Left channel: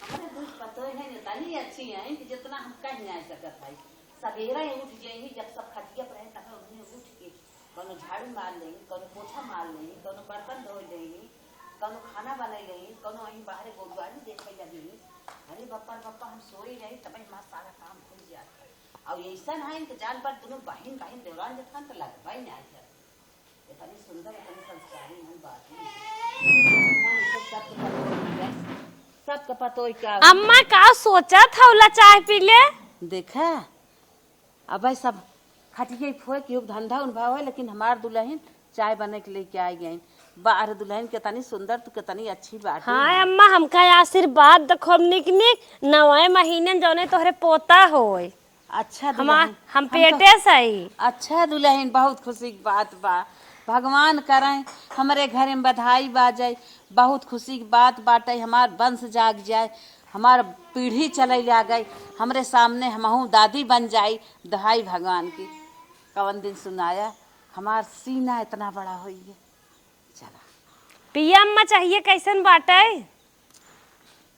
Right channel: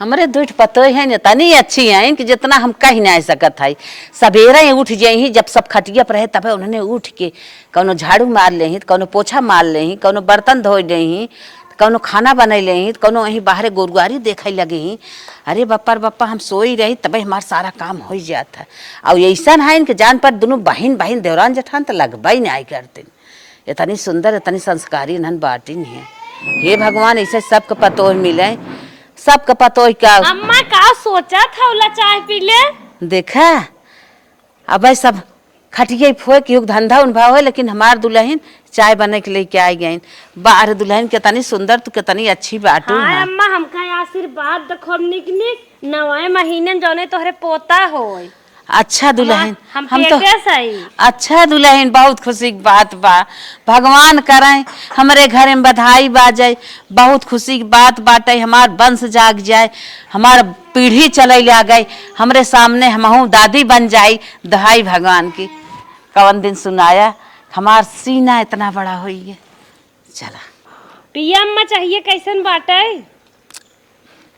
हमारे दूठ पतो है न तनी अच्छी है कि जितना हम कह नहीं सकत है। सवेरे उठ जाही जब सब खटिया पर रहे तब उन्होंने उठ के कौनो झाड़ू मार ले कौनो पोछा मार ले कौनो बर्तन धो ले कौनो खाना बना ले कौनो वहीं बाहर गोरुआरी देखे लगे ही। अरे बप्पा हम सोई रही तब हमारा सारा काम हो जाता है। और ऐसा है कि जान पर दोनों बहन बहन देवरान जठान तो लगवा ही नहीं करते। इतनी सुंदर इतनी संस्कारी नन बाटिन है। हे भगवान ऐसे सबके पतो मिले सबका पतो क्या। अम्मा का सोचा था उला चाय पी ले देखा अब सब खटिया फोए के धंधा उन भाव है। लेकिन हमार दुल्हन चाय बने के लेके आई गई बाहर। दुल्हन कितनी सुंदर तो कितनी अच्छी बात है। हाँ अम्मा हमका आशीर्वाद देखो हमने कि नवे महीने जौने तोहरे पोता होए। अच्छा दुल्हन हम तो सही। अच्छा दुल्हन बहुत खुशी की बात बा। भगवान करें हमारे घर में बधाई बाजे बहुत खुशी की बात बाटे। हमार वंश जाग जाए हमार पीढ़ी चले आ गई हमरे सामने हमहू दादी बन जाई। दहाई भगवान की कवन दिन सुनाया हमार सीना इतना बड़ा हुई है। चला पिया अम्मा चाहिए कैसन बाटे।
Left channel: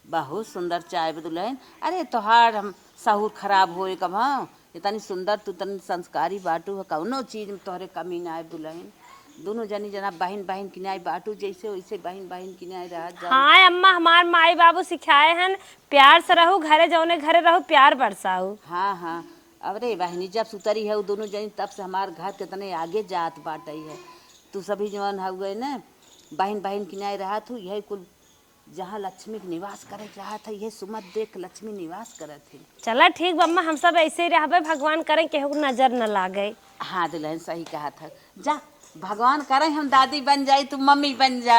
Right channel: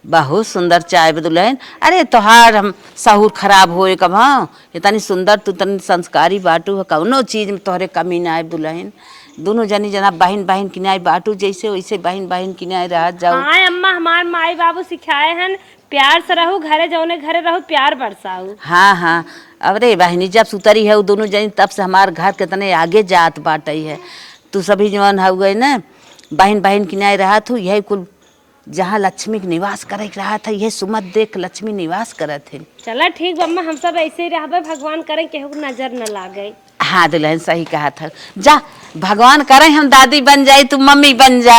बहुत सुंदर चाय दुल्हन। अरे तोहार हम सहूर खराब होए कब। हाँ इतनी सुंदर तू इतनी संस्कारी बाटू है कौनो चीज में तोहरे कमी ना आए दुल्हन। दोनों जनी जना बहन बहन किनाए बाटू जैसे वैसे बहन बहन किनाए रह जाओ। हाँ अम्मा हमार माई बाबू सिखाए हैं प्यार से रहू घरे जौने घरे रहू प्यार बरसाऊ। हाँ हाँ अरे बहनी जब सुतरी है वो दोनों जनी तब से हमार घर कितने आगे जात बाटई है। तू सभी जवान हो गए ना बहन बहन किनाए रहा तू यही कुल जहाँ लक्ष्मी निवास करे रहा था। यह सुमत देख लक्ष्मी निवास करे थे। चला ठीक अम्मा हम सब ऐसे ही रहबे भगवान करे केहू नजर न लागे। हाँ दुल्हन सही कहा था। जा भगवान करे हम दादी बन जाए तू मम्मी बन जा।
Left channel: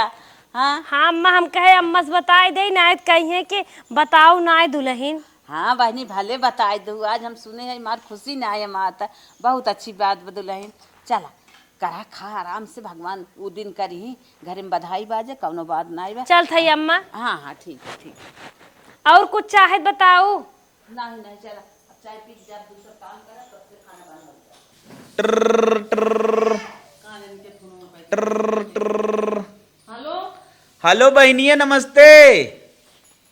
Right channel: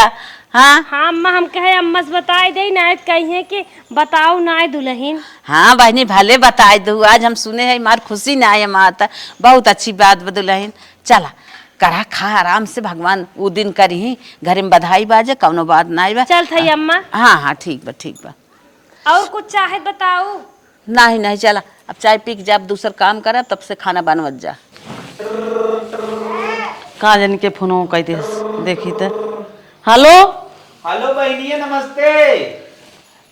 हाँ हाँ अम्मा हम कहे अम्मा से बताए दे ना कहिए कि बताओ ना दुल्हन। हाँ बहनी भले बताए दू आज हम सुने हैं मार खुशी ना आए माता बहुत अच्छी बात दुल्हन। चला करा खा आराम से भगवान वो दिन करी घर में बधाई बाजे कौनो बात ना बा। चल थई अम्मा। हाँ हाँ ठीक बा और कुछ चाहे बताओ। नहीं नहीं चला अब चाय पी के जब दूसर काम करे तब से खाना बनवत जा। कहाँ जन के फोनो कहते देखी तो। हेलो हेलो बहनिया नमस्ते।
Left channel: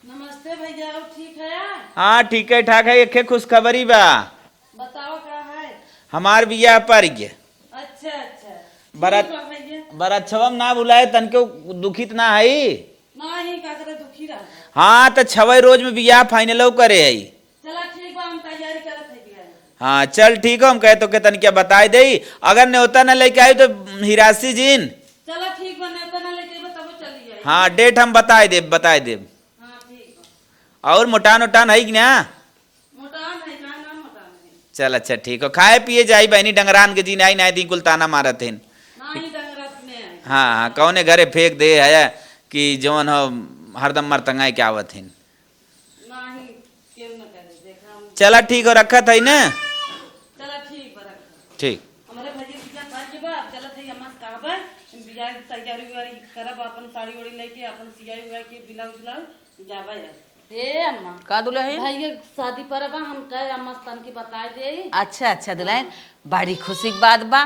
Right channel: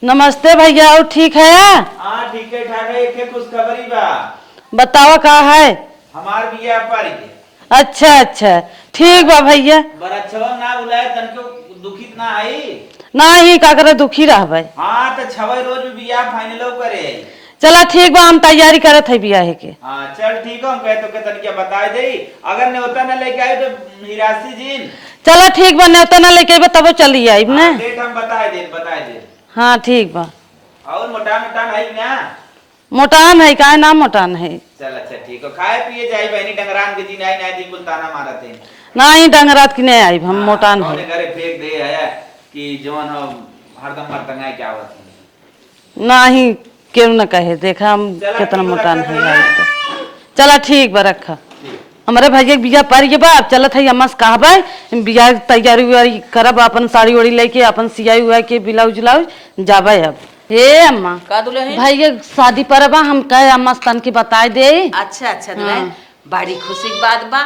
नमस्ते भैया और ठीक है। हाँ ठीक है ठाक है। एक खुशखबरी बा बताओ का है। हमार बिया पर गया। अच्छा अच्छा ठीक बा भैया। बड़ा छवम ना बुलाए तनको दुखित ना है ना ही का करे दुखी रहबे। हाँ तो छवे रोज में बिया फाइनल करे आई। चला ठीक बा हम तैयारी करत है बियाह के। हाँ चल ठीक है हम कहे तो के तनिक बताए दे अगर न्योता न लेके आई तो हिरासी जीन। चला ठीक बा न्योता ना लेके अइबे तब चली आई। हाँ डेट हम बताए दे। हाँ ठीक बा। और मोटान उटान है कि ना। मोटान है का ना मोटान है। चल अच्छा ठीक है खाए पिए जाई बहनी डंगरान के जी नहीं नहीं दी कुल ताना मारत है। ना ही डंगरात की नहीं आई हम मोटान कौने घरे फेंक दे है कि जवन हो हरदम मरतंगाई क्या आवत है। ना ही क्यों न कहे देखा हम। चला ठीक हो रखा था ना। चला ठीक बा रखा ठीक। हमारे भैया बिया पर ये बा अब चलत है अम्मा से कहबे बिया तैयारी उयारी करब अपन साड़ी ओड़ी लेके अपन सियाई उया के ब्लाउज उलाउज जाबे। अब ए अम्मा का दुल्हन भैया शादी पर बा हम कहे अम्मा तन के बताए दे। अच्छा अच्छा दुल्हन बड़ी खुशी की बात बा।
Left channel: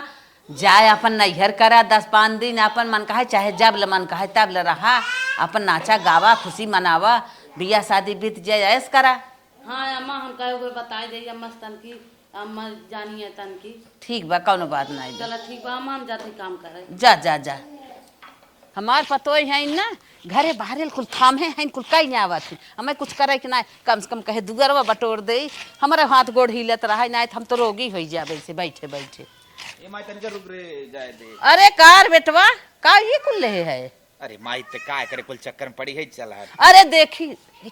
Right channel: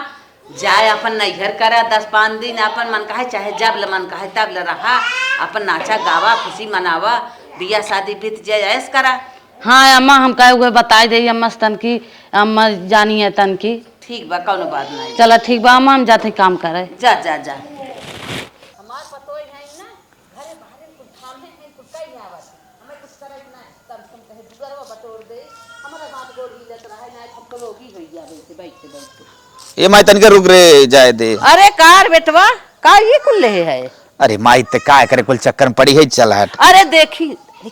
जाए अपन नैहर करा 10-5 दिन अपन मन कहे चाहे जब ल मन कहे तब ल रहा अपन नाचा गावा खुशी मनावा बिया शादी बीत जाए ऐस करा। हाँ अम्मा हम कहे हुए बताए दे अम्मा तन की अम्मा जानी है तन की। ठीक बा कौनो बात नहीं। चला ठीक बा अम्मा हम जाते काम करे। जा जा जा हमार पतो है ना घरे बाहर कुल थामे हैं कुल कहीं नहीं आवत हमें कुछ करे कि ना कम से कम कहे दुगरवा बटोर दे हमारे हाथ गोड़ हिलत रहा ना हम तो रोगी हो जाए से बैठे बैठे। ये माई तनिक रुक रे जाए दे। अरे कार बेटवा का ये कुल ले है। अरे माई ते का करे कुल चक्कर में पड़ी है चल हट। अरे देखी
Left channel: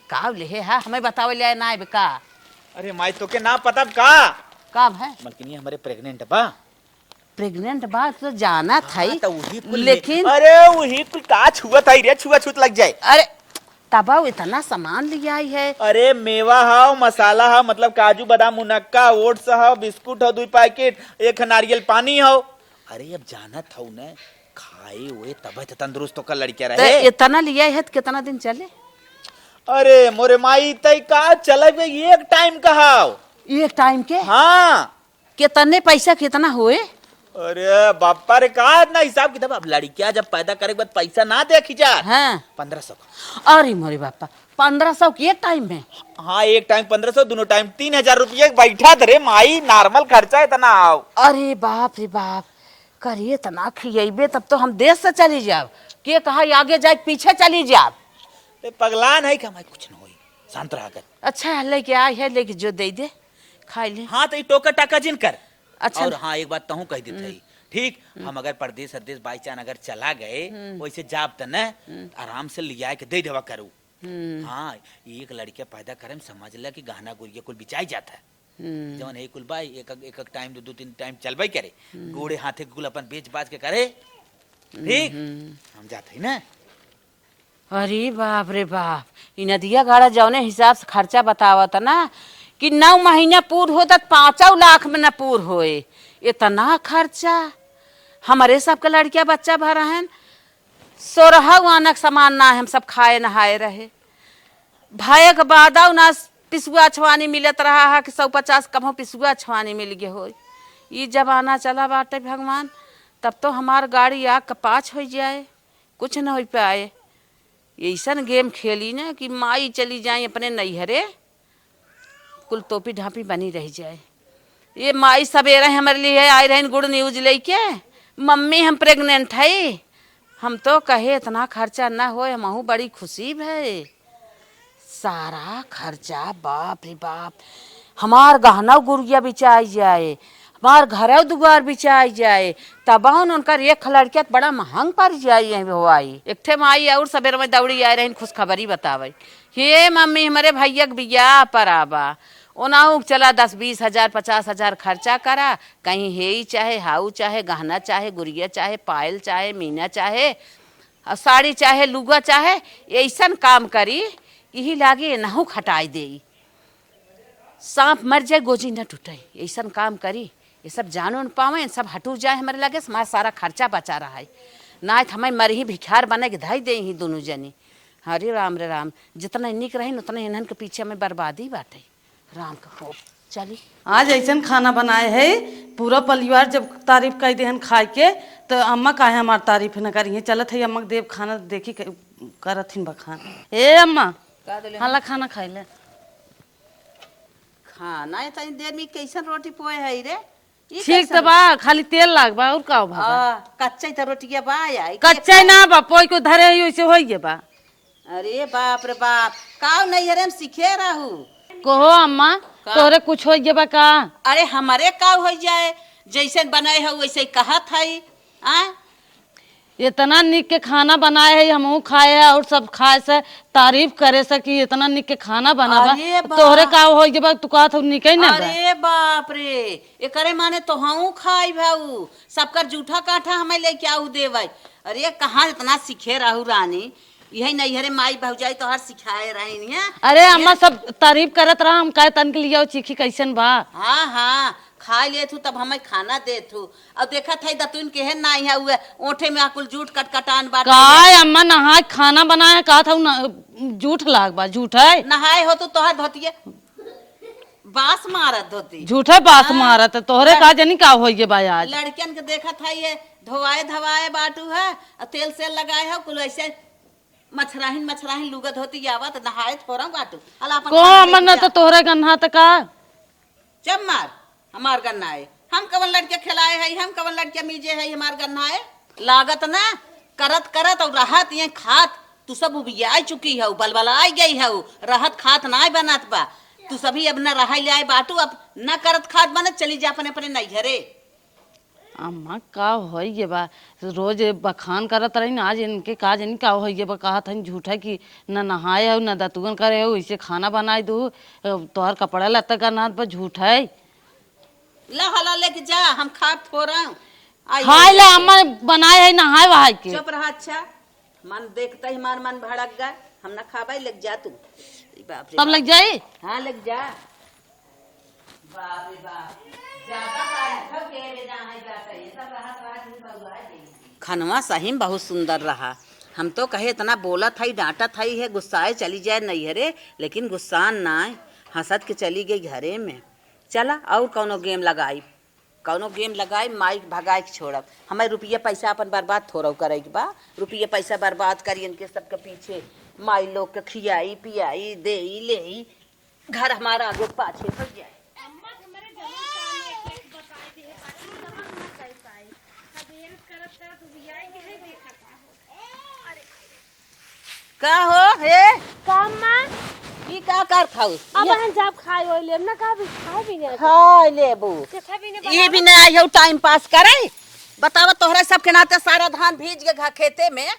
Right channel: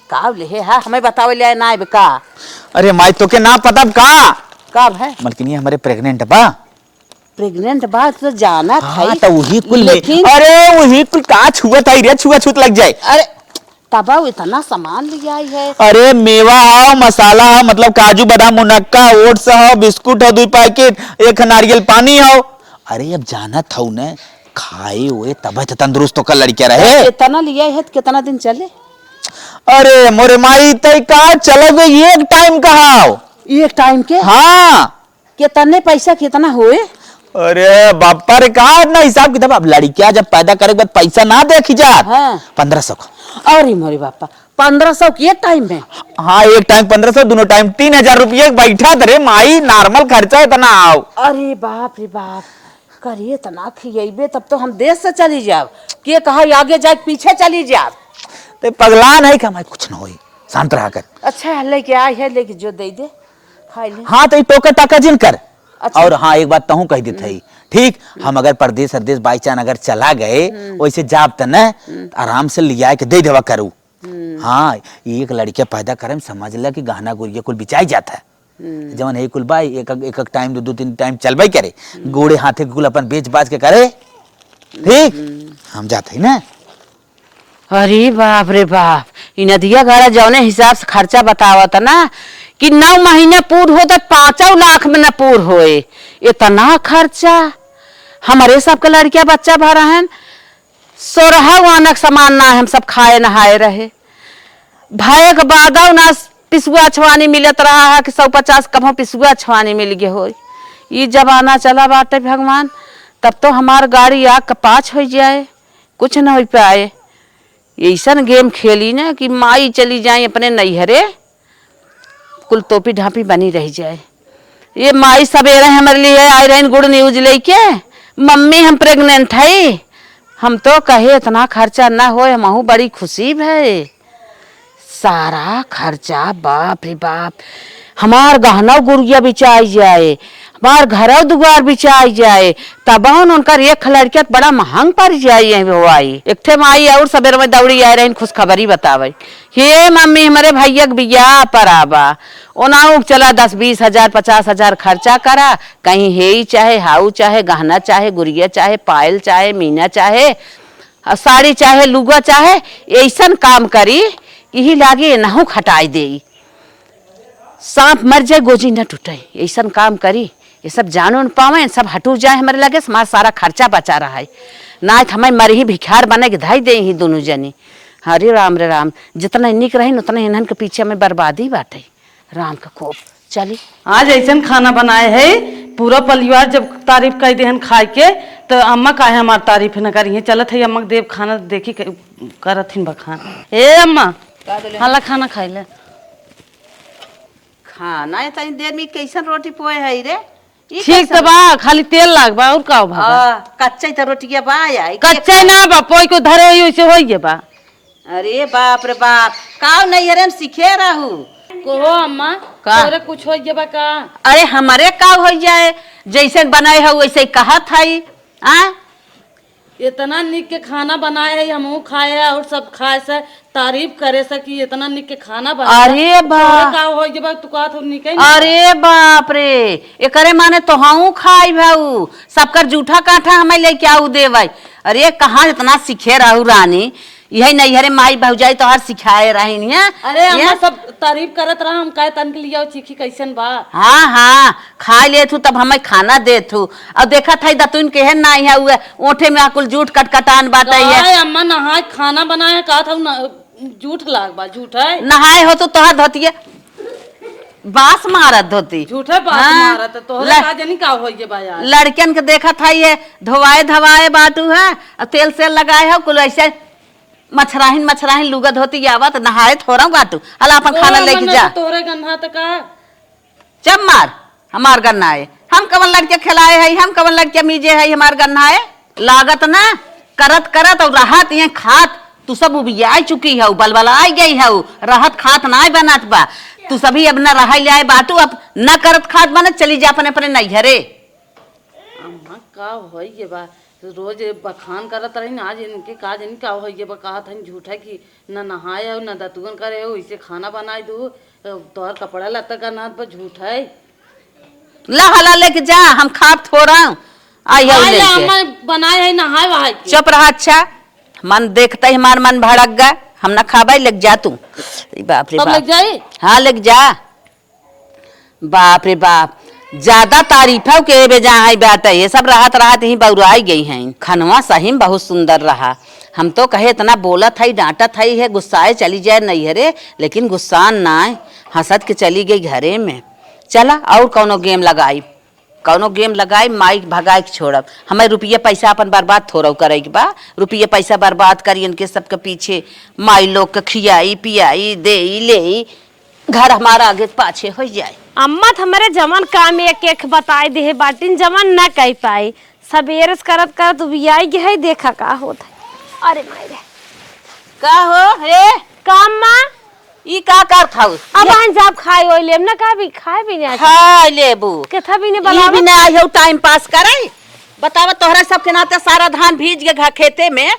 का ले है हमें बतावे ले ना का। अरे माई तो के ना पता कब है मलकिनी हमारे प्रेग्नेंट बा। प्रेग्नेंट बात तो जाना था तो वही कुल लेकिन अरे वही कुल का छुआ था रे छुआ छूत लग जाए। अरे तबा इतना सामान लिया आई है। अरे मेवा हो मसाला हो मतलब काजू बादाम मुनक्का ओट्स हो बिस्कुट हो 2 पैकेट 1 नारियल पानी हो। अरे अब जाना था उन्हें खाए हुए तब तंदुरुस्त होकर लड़किया रहे। इतना लिया है तो कितना दिन चले। अरे मोरे माई तय का चलोगे एक टाइम कहा एक टाइम के। हाँ कितने पैसा कितना हुए। अरे बापा रे कहा ना हिसाब किताब अब लड़कियां जब पैदा करे के बाद पैसा ना देखी जा। हाँ 1500 अरे मोरे बापा 1500 के टाइम में? हाँ, एक टाइम 1500, दोनों टाइम 3000 रुपया बैठा रे माई, नॉर्मल खर्चा इतना आओ। अरे बाप रे बाप, करिए तना खिएबे तब तो हम देश से चली जाब, के कहा आगे जाए पीछे चली जाब। ते पगला नहीं का, कुछ ना होई, शांत रहा कर। अच्छा लेके आई है, लेके जो दे दे खाई ले। हाँ तो टोका टाका जिन कर। अच्छा। और हाँ, एक बात कहूँ कह दी थी, ठीक, हम अगर परदेश सरदेश बाई चांस अगर चला गए वैसे जाब त न आराम से लिया के दे देवा करूँ। हाँ, एक लड़के पैदा करे समझ ला कि गहना गुड़िया कुल बिचाई जाता है, जवन है कुल बाई एक एक टाइम दो तीन टाइम चलबे करे, गोड़े हाथे कुल अपन बेच बाज के करे, ठीक, हम जाते ही ना। अरे बाप रे बाप, इ नदिया घारा जौने हिसाब से खर्चा बतावत ना कि 9 महीने पूर हो तो 5 लाख में न पूर होए, इतना खर्चा। हमारे सबके लड़किया बच्चा भरा है, 16 वानक सामान ना हम सब खाए नहाए रहे, भाई के बाद ना पिसुआ छवानी मिलत रहा है कि 150 कम पिसुआ छवानी मिल गए हो। ये जमाना चला बाटे भगवान, तब तो हमार गाड़ी आग का पाछ हो जाए, कुछ न हो पाए। ऐसा गेम खेली ना कि माई चली जाए अपने नैहरे, कुल टोपी ढापी बनी रह जाए। ये माई सवेरे हमारे लिए आई रही गुड न्यूज लेके, मम्मी हम प्रेग्नेंट है। हम तो कहे इतना खर्चा ना हो, हमहू बड़ी खुशी है। सारा खर्चा बाप रे बाप, हमार गहना गुड़िया बिचाई जाए, हमार घर दुआर बिचाई जाए, तब उनकर एक लड़किया बड़ा महंग पड़ जाए। वो आई एक ठे माई और सवेरे में दौड़ी आ रही खुशखबरी बतावे, हे मम्मी हमारे भैया के बियाह पर आबा, ओनाऊ चला 10-20 हजार 50 हजार खर्चा करा, कहीं हे चाहे हाउ चाहे गहना चाहे गुड़िया चाहे पायल चाहे मीना चाहे साड़ी चाहे लुगा चाहे, ऐसा काम करी यही लागे नहू खटाई दे, सांप मर जाए गोजी न टूटे, ऐसा काम करी। ये सब जानो न पावे, सब हटू जाए हमारे लगे, हमारा सारा खर्चा बचा रहा है ना, हमें मर ही भिखार बने के धाई दे ही दोनों जनी। हरे राम, जितना निक रही उतना इन्हन के पीछे में बर्बादी बाटे। राम का कोप चली। आज ऐसा खाना बनाए है, पूरा परिवार जब तारीफ कर दे खाए के, तो अम्मा काहे हमार तारीफ न करिए, चलत है अम्मा देव खाना देखी करथिन बखान। ए अम्मा हाला खाना खाई ले। खाना इतनी देर में कैसन रोटी पोए है रे? ठीक तो बा, खाली तेल लाग बा और का बा? कच्चा तो रोटिया बा आई, कच्चा ना बा, पोई को धरे वैसे होइए बा। अरे बाप रे बाप, काव नहीं रे हम सीखे रहू। कहो अम्मा, तोरे कुछ होइए बा का? अरे हमारे काव हो जाए, जैसे बनाए हो वैसे कहत है। आ इतना निक के खाना बनाए है, हमहू खाए है और सब खाए से तारीफ करे से कि इतना निक के खाना बनाए। अरे बा, तोरे का होइए बा, तू का तो निके ना। अरे बाप रे, एकरे माने तो हम खाई भाऊ, सबकर जूठा काठा हमें लेके आऊ देवे। अरे कहाँ इतना सीखे रहू रानी, यही नहीं हरे माई भौजाई तो हर सिखाए रही। अरे अम्मा सब तारीफ करत रहा, हम कहे तन के लिए चीखी कैसन बा। हाँ खा ले थू तब हमें खाना दे थू, और देखा था दतुन के है ना यहाँ हुए ओठे में आकुल जूठ कटकटान बात है। अम्मा नहाए खाना बनाए कहा था जूठ लाग बा, झूठ है नहाए हो तो तोहर धोतिए बास मारत धोती, झूठे बास मारत, तोहरे का जानी का होइए बा यार। लड़कियन के देखा था ये धोवाए धवाए बाटू है, तेल से लगाए हो कुल ऐसे मछराहिन लुगा धोती आवत नहाए थोड़ा बाटू हला अपन खाना लेके जा। तोहरे गन्ना त का जब मार हमार गन्ना है, हम कवन लड़के खिलाए है, हम कवन लड़के मीजे है, हमार गन्ना है लागत ना करत और राहत ये खात तू सब उबिया चुकी है, बलबला आई गई है, राहत खात ना बनत बा, तू सभी अब न रहा ले बाटू, अब न करत खात बनत चली जा अपने अपने नैहरे। अम्मा का होइए बा, रोज बखान करत रही ना, आज इनके का जानी का होइए बा, कहा था झूठा कि न नहाए हो न दतुगन करे हो, इसे खाना बनाए दू, तोहर कपड़ा लत्ता का ना पर झूठ है। ला हला लेके जा, हम खाप थोड़ा अम्मा बनाए है नहाए वहाए। चुप रहा, अच्छा मन देखता ही हमार मन भड़क गया, हम न खाबा लग जा तू। बाप रे बाप, लग जाए। हाँ लग जा। बाप रे बाप, ज्यादा तारीफ है के बेजा है बात है, ये सब राहत ही बउराई गई हैं। खनवा सही में बहुत सुंदर रहा, हम तो कहे इतना बोला था डांटा था है, गुस्साए चली जाए नैहरे, लेकिन गुस्सा ना हंसत के चली गई घरे में। चला और कौनो गेम लगाई। कौनो गेम लगाए माई भगाए के छोड़ब। हमें रुपये पैसा अपन बर्बाद थोड़ा करे के बा। रुपये पैसा बर्बाद करी इनके सबके पीछे माई लोग के खियाई पियाई दे ले घर हमारा आगे पाछे हो जाए। अम्मा हमारे जमन काम एक एक बताए दे बाटिन जमन ना कह पाई सबेरे करत करत बियाई गई देखा का होत है। अरे माई रे का हो रे काम मां ई का कर खाऊ अब हम जब खाई ओइ लेम ना का भी खाए भी नहीं खाई लेबू केथा भी नहीं ये बना भी ना आयो टाइम पास करे। बतावा तोहरा सबके नाते सारा धान भीज के घा खेते में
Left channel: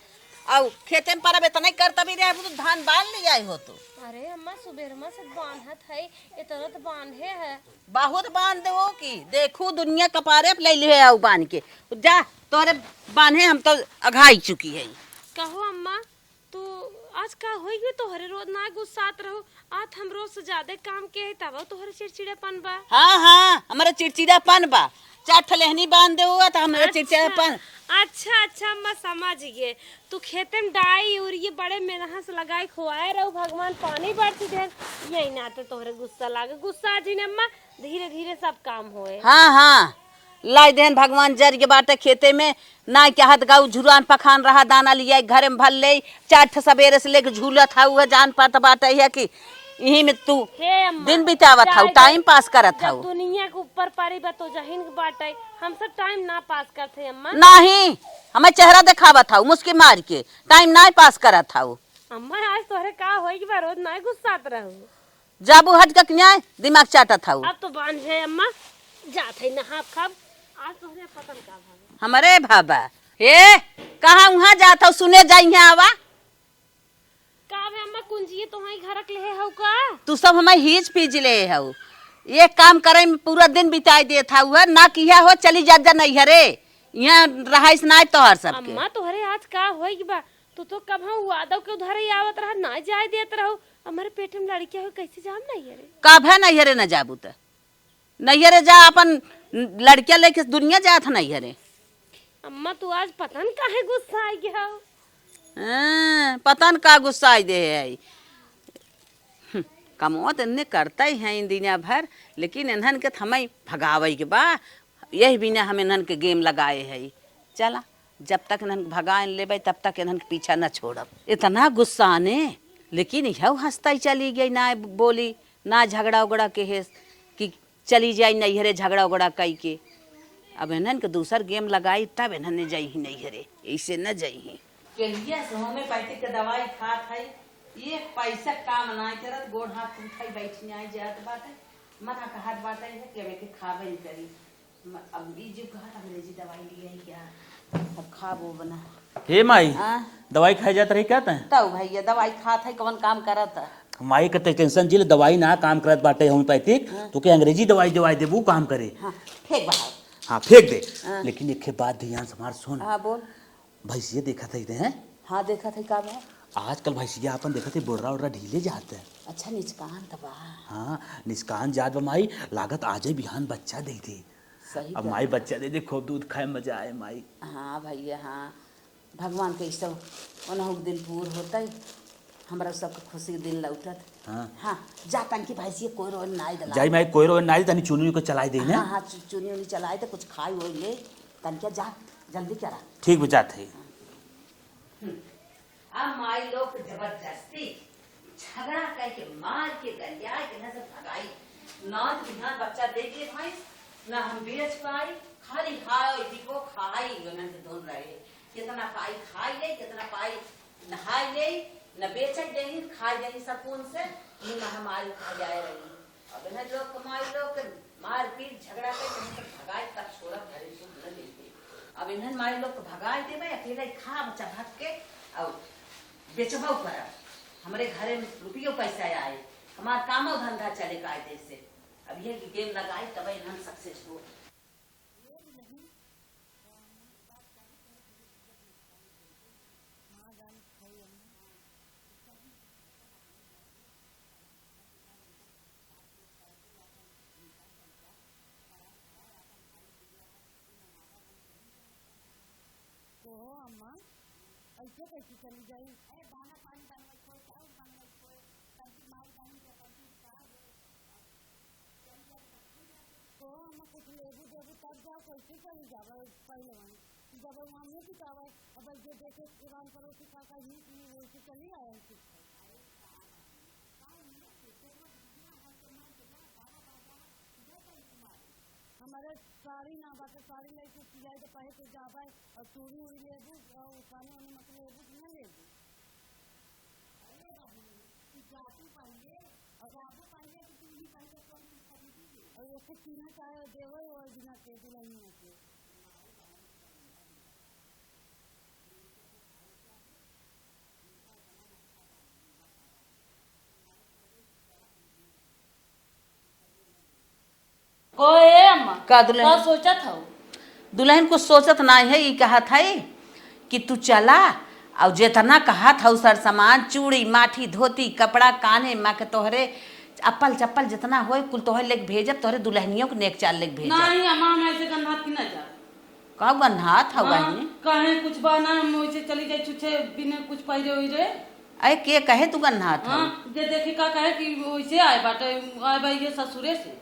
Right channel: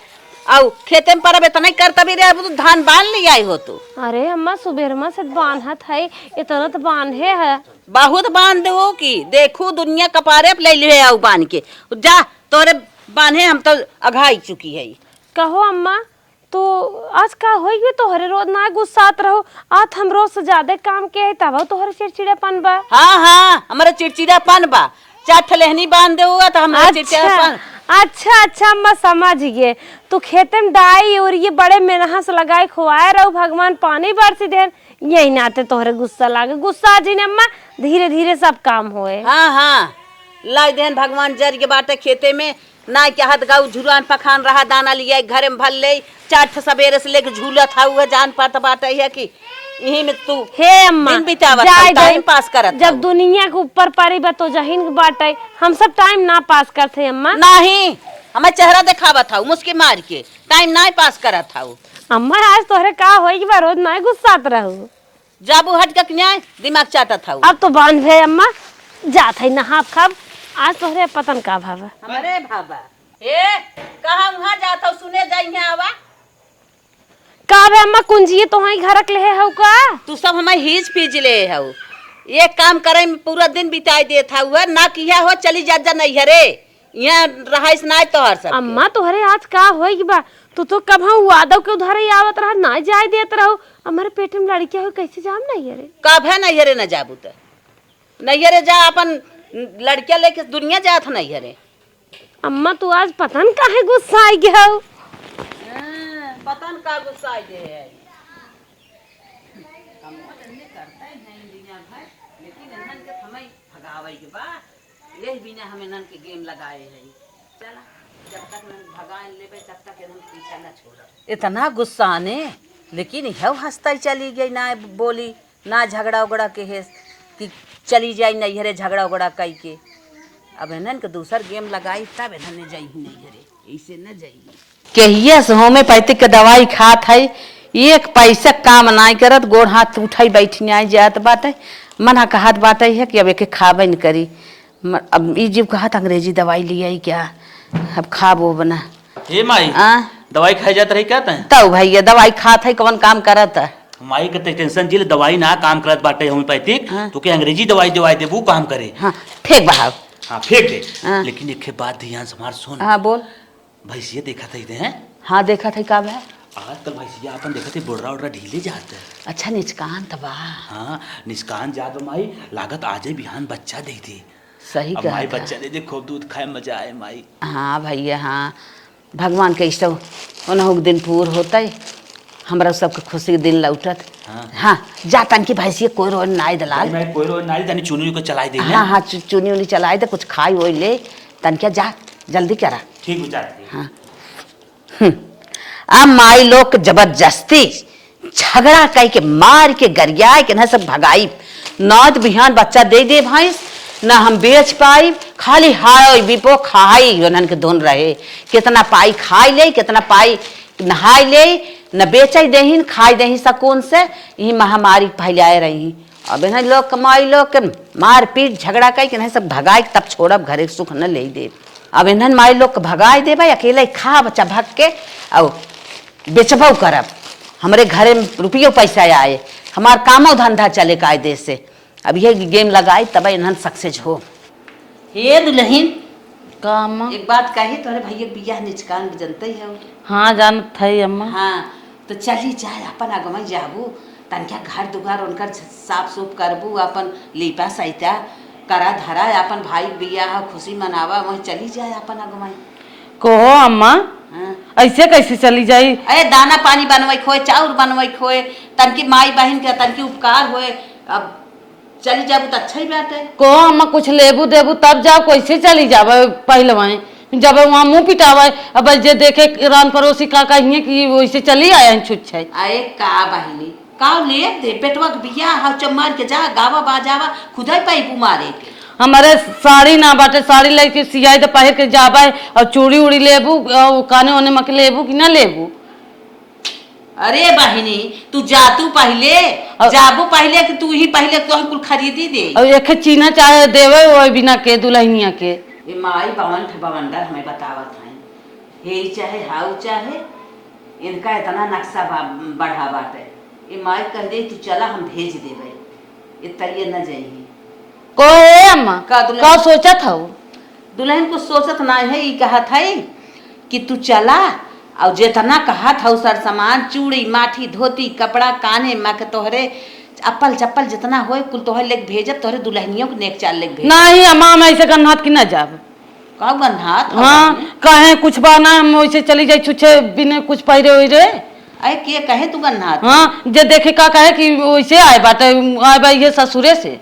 औ खेते में परब इतना करता भी रे अब तो धान बांध ले आई हो तू। अरे अम्मा सुबेरमा से बांधत है इतना तो बांधे है बहुत बांध दो की देखू दुनिया कपारे पे ले लिए औ बांध के जा तोरे बांधे हम तो अघाई चुकी है। कहो अम्मा तो आज का होई भी तोहरे रोज ना गुस्सात रहो आज हम रोज से ज्यादा काम के है तब तोहरे चिड़चिड़ापन बा। हाँ हाँ हमारा चिड़चिड़ापन बा चार ठलेहनी बांध दे हुआ तो हमारा चिड़चिड़ापन। अच्छा अच्छा अम्मा समझ गए तो खेते में दाई और ये बड़े मेहनत से लगाए खुआए रहो भगवान पानी बरसी देन यही नाते तोहरे गुस्सा लागे गुस्सा जी ने अम्मा धीरे धीरे सब काम होए। हाँ हाँ लाई देन भगवान जर के बाटे खेते में ना क्या हाथ गाँव झुरान पखान रहा दाना लिया घरे में भल ले चार सवेरे से लेके झूला था हुआ जान पाता बाटा है कि यही में तू हे अम्मा दिन बितावत हऊ, टाइम पास करत जब हऊ। दुनिया के ऊपर पारी बा तो जहीन के बाटे हम सब टाइम ना पास करते अम्मा। नहीं हमें चेहरा दिखावत हऊ मुस्की मार के टाइम ना पास करत हऊ। अम्मा आज तोहरे का होई कि बा रोज ना गुस्सात रहू जाबू हट के न्याय दिमाग चाटत हऊ। अब तो बांध भे अम्मा जात है नहा खाब आज तोहरे पतन का भावा हमारे भाबा ए कहाँ वहाँ जात हऊ सुने जाई है आवा का बे अम्मा कुंजिए तो ही घर ले हऊ का तू सब हमें हीज पीज ले हऊ ये काम करे में पूरा दिन बिताई देत हऊ ना किया हो चली जा जा नहीं हरे यहाँ रहाइस ना तोहर सब अम्मा तोहरे आज का होई कि बा तो कब हम वादव के उधारे आवत रहा ना जाए देत रहो हमारे पेट में लड़कियां हो कैसे जाम नहीं रे कब है नहीं हरे न जाबू त नहीं हरे जा अपन लड़किया लेके दुनिया जात नहीं हरे। अम्मा तू आज पतन काहे गुस्सा आई गया पता न का गुस्सा आई दे है कमो तो इन्हें करता ही है इन दुनिया भर लेकिन इन्हन के हमें भगावे के बा यही बिना हम इन्हन के गेम लगाए है। चला जब तक इन्हन भगा लेबे तब तक इन्हन के पीछा न छोड़ब। इतना गुस्सा आने लेकिन यह हंसता ही चली गई ना बोली ना झगड़ा उगड़ा के है कि चली जाई नहीं हरे झगड़ा उगड़ा कई के अब इन्हन के दूसर गेम लगाई तब इन्हन ने जाई ही नहीं हरे ऐसे न जाई केहिया से होम्योपैथिक के दवाई खात है एक पैसा काम नहीं करत गोड़ हाथ उठाई बैठने आई जात बाटे मना कहत बाटे है कि अब एक खाबे न करी अब ई जीव कहत अंग्रेजी दवाई लिया ही क्या अब खाबो बना हे माई दवाई खाई जात रही कहते हैं तब भैया दवाई खात है कौन काम करत है माई का टेंशन जिले दवाई ना काम करत बाटे होम्योपैथिक तो के अंग्रेजी दवाई दवाई दे वो काम करे। हाँ फेंक बहाव हाँ फेंक दे लेकिन एक बात ध्यान से हमार सुन। हाँ बोल भैंसिया देखा था हैं हाँ देखा था कब है आजकल भैंसिया अपन देखा थे बोर्रा उर्रा ढीले जाते अच्छा निचकान तबा हाँ निष्कान जात माई लागत आजे बिहान बच्चा दे थे सही अब माई बच्चा दे दे खूब दूध खाए मजा आए माई। हाँ भैया हाँ भगवान के इष्ट उन्हों दिन पूर होता है हमरा सबके खुशी के दिन लौटत। हाँ जा तन की भैंसिया कोई रोज नाई दला मैं कोई रोज नाई तनी चुनी को चलाई दे। हाँ हाँ चुनी उनी चलाई दे कुछ खाई होई ले तन क्या जा जल्दी करा ठीक बुझाते हाँ अब माई लोग जबरदस्ती झगड़ा कह के मार के गरियाए के न सब भगाई नौत बिहान बच्चा दे दे भैंस न हम बेच पाई खाली हाय बिपो खाई उन्हन के धुन रहे कितना पाई खाई ले कितना पाई नहाई ले न बेचे दही खाई दही सकून से यही महामारी फैलाए रही। अब इन्हें लोग कमाई लोग के मार पीट झगड़ा कह के सब भगाई तब छोड़ब घरे सुख न ले दे। अब इन्हन माई लोग के भगाई दे भाई अकेले खा बच्चा भग के और बेचबो करब हमारे घरे में रुपये पैसा आए हमार कामो धंधा चले कायदे से। अब ये गेम लगाई तब इन्हन सक्सेस हो। हे दुल्हन काम एक बात कही तोरे भैया बियाह निचकान जनते ही हो। हाँ जानत है अम्मा। हाँ तो चली जाए अपन आगमन जाबू तनका घर दुगार उनकर साफ सुफ करबू अपन लीपा सहिता करा धरा अपन भाई बियाह खुशी मनावा वही चली जाए अपन आगमन कहो अम्मा ऐसे कैसे चली जाई अरे दाना पानी बनवाई खोए चाउर बनवाई खोए तनकी माई बहन के तनकी उपकार होए। अब चली जाबू तो अच्छा ही बात है। को अम्मा कुछ लेबू देबू तब जाओ, कैसे चली जावे पहलवाएं जब वहाँ मुंह पिटावे। अब जे देखे रान पड़ोसी का कहिए कि वैसे चली आया छुट छै। आए का बहिनी का ले दे बेटवा के बिया हाउ चमार के जा गावा बाजावा खुदाई पाई मारे के। हमारे साड़ी ना बाटे, साड़ी लेके सियाई तो पहन के जाबे और चूड़ी उड़ी लेबू काने ओने मक लेबू कि ना लेबू। अरे बहिनी तू जातू पहले जाबू पहले कि तू ही पहले तो कुल खरीदी दे। और एक चीना चाहे देवे वो बिना के दुल्हनिया के। ये माई बवन बवंडर हमें बतावत है हे चाहे हाउ चाहे इनका इतना नक्शा बढ़ा बाटे। ये माई कह दे तू चला हम भेज देवे ये तरिए न जाइए को अम्मा का सोचा था दुल्हन को सोचत ना है ये कहा था कि तू चला और जितना कहा था सर सामान चूड़ी माठी धोती कपड़ा काने माँ के तोहरे अप्पल चप्पल जितना होए कुल तोहरे लेके भेजब तोहरे दुल्हनियों के नेक चाल लेके भेज। नहीं अम्मा हम ऐसे गन्हात की ना जाब। का गन्हात हाँ कहे कुछ बाना हम वैसे चली जाए छुछे बिना कुछ पहिरे हुई रे। अरे के कहे तू गन्हात हाँ जे देखे का कहे कि वैसे आए बाटे आए भाई ये ससुरे से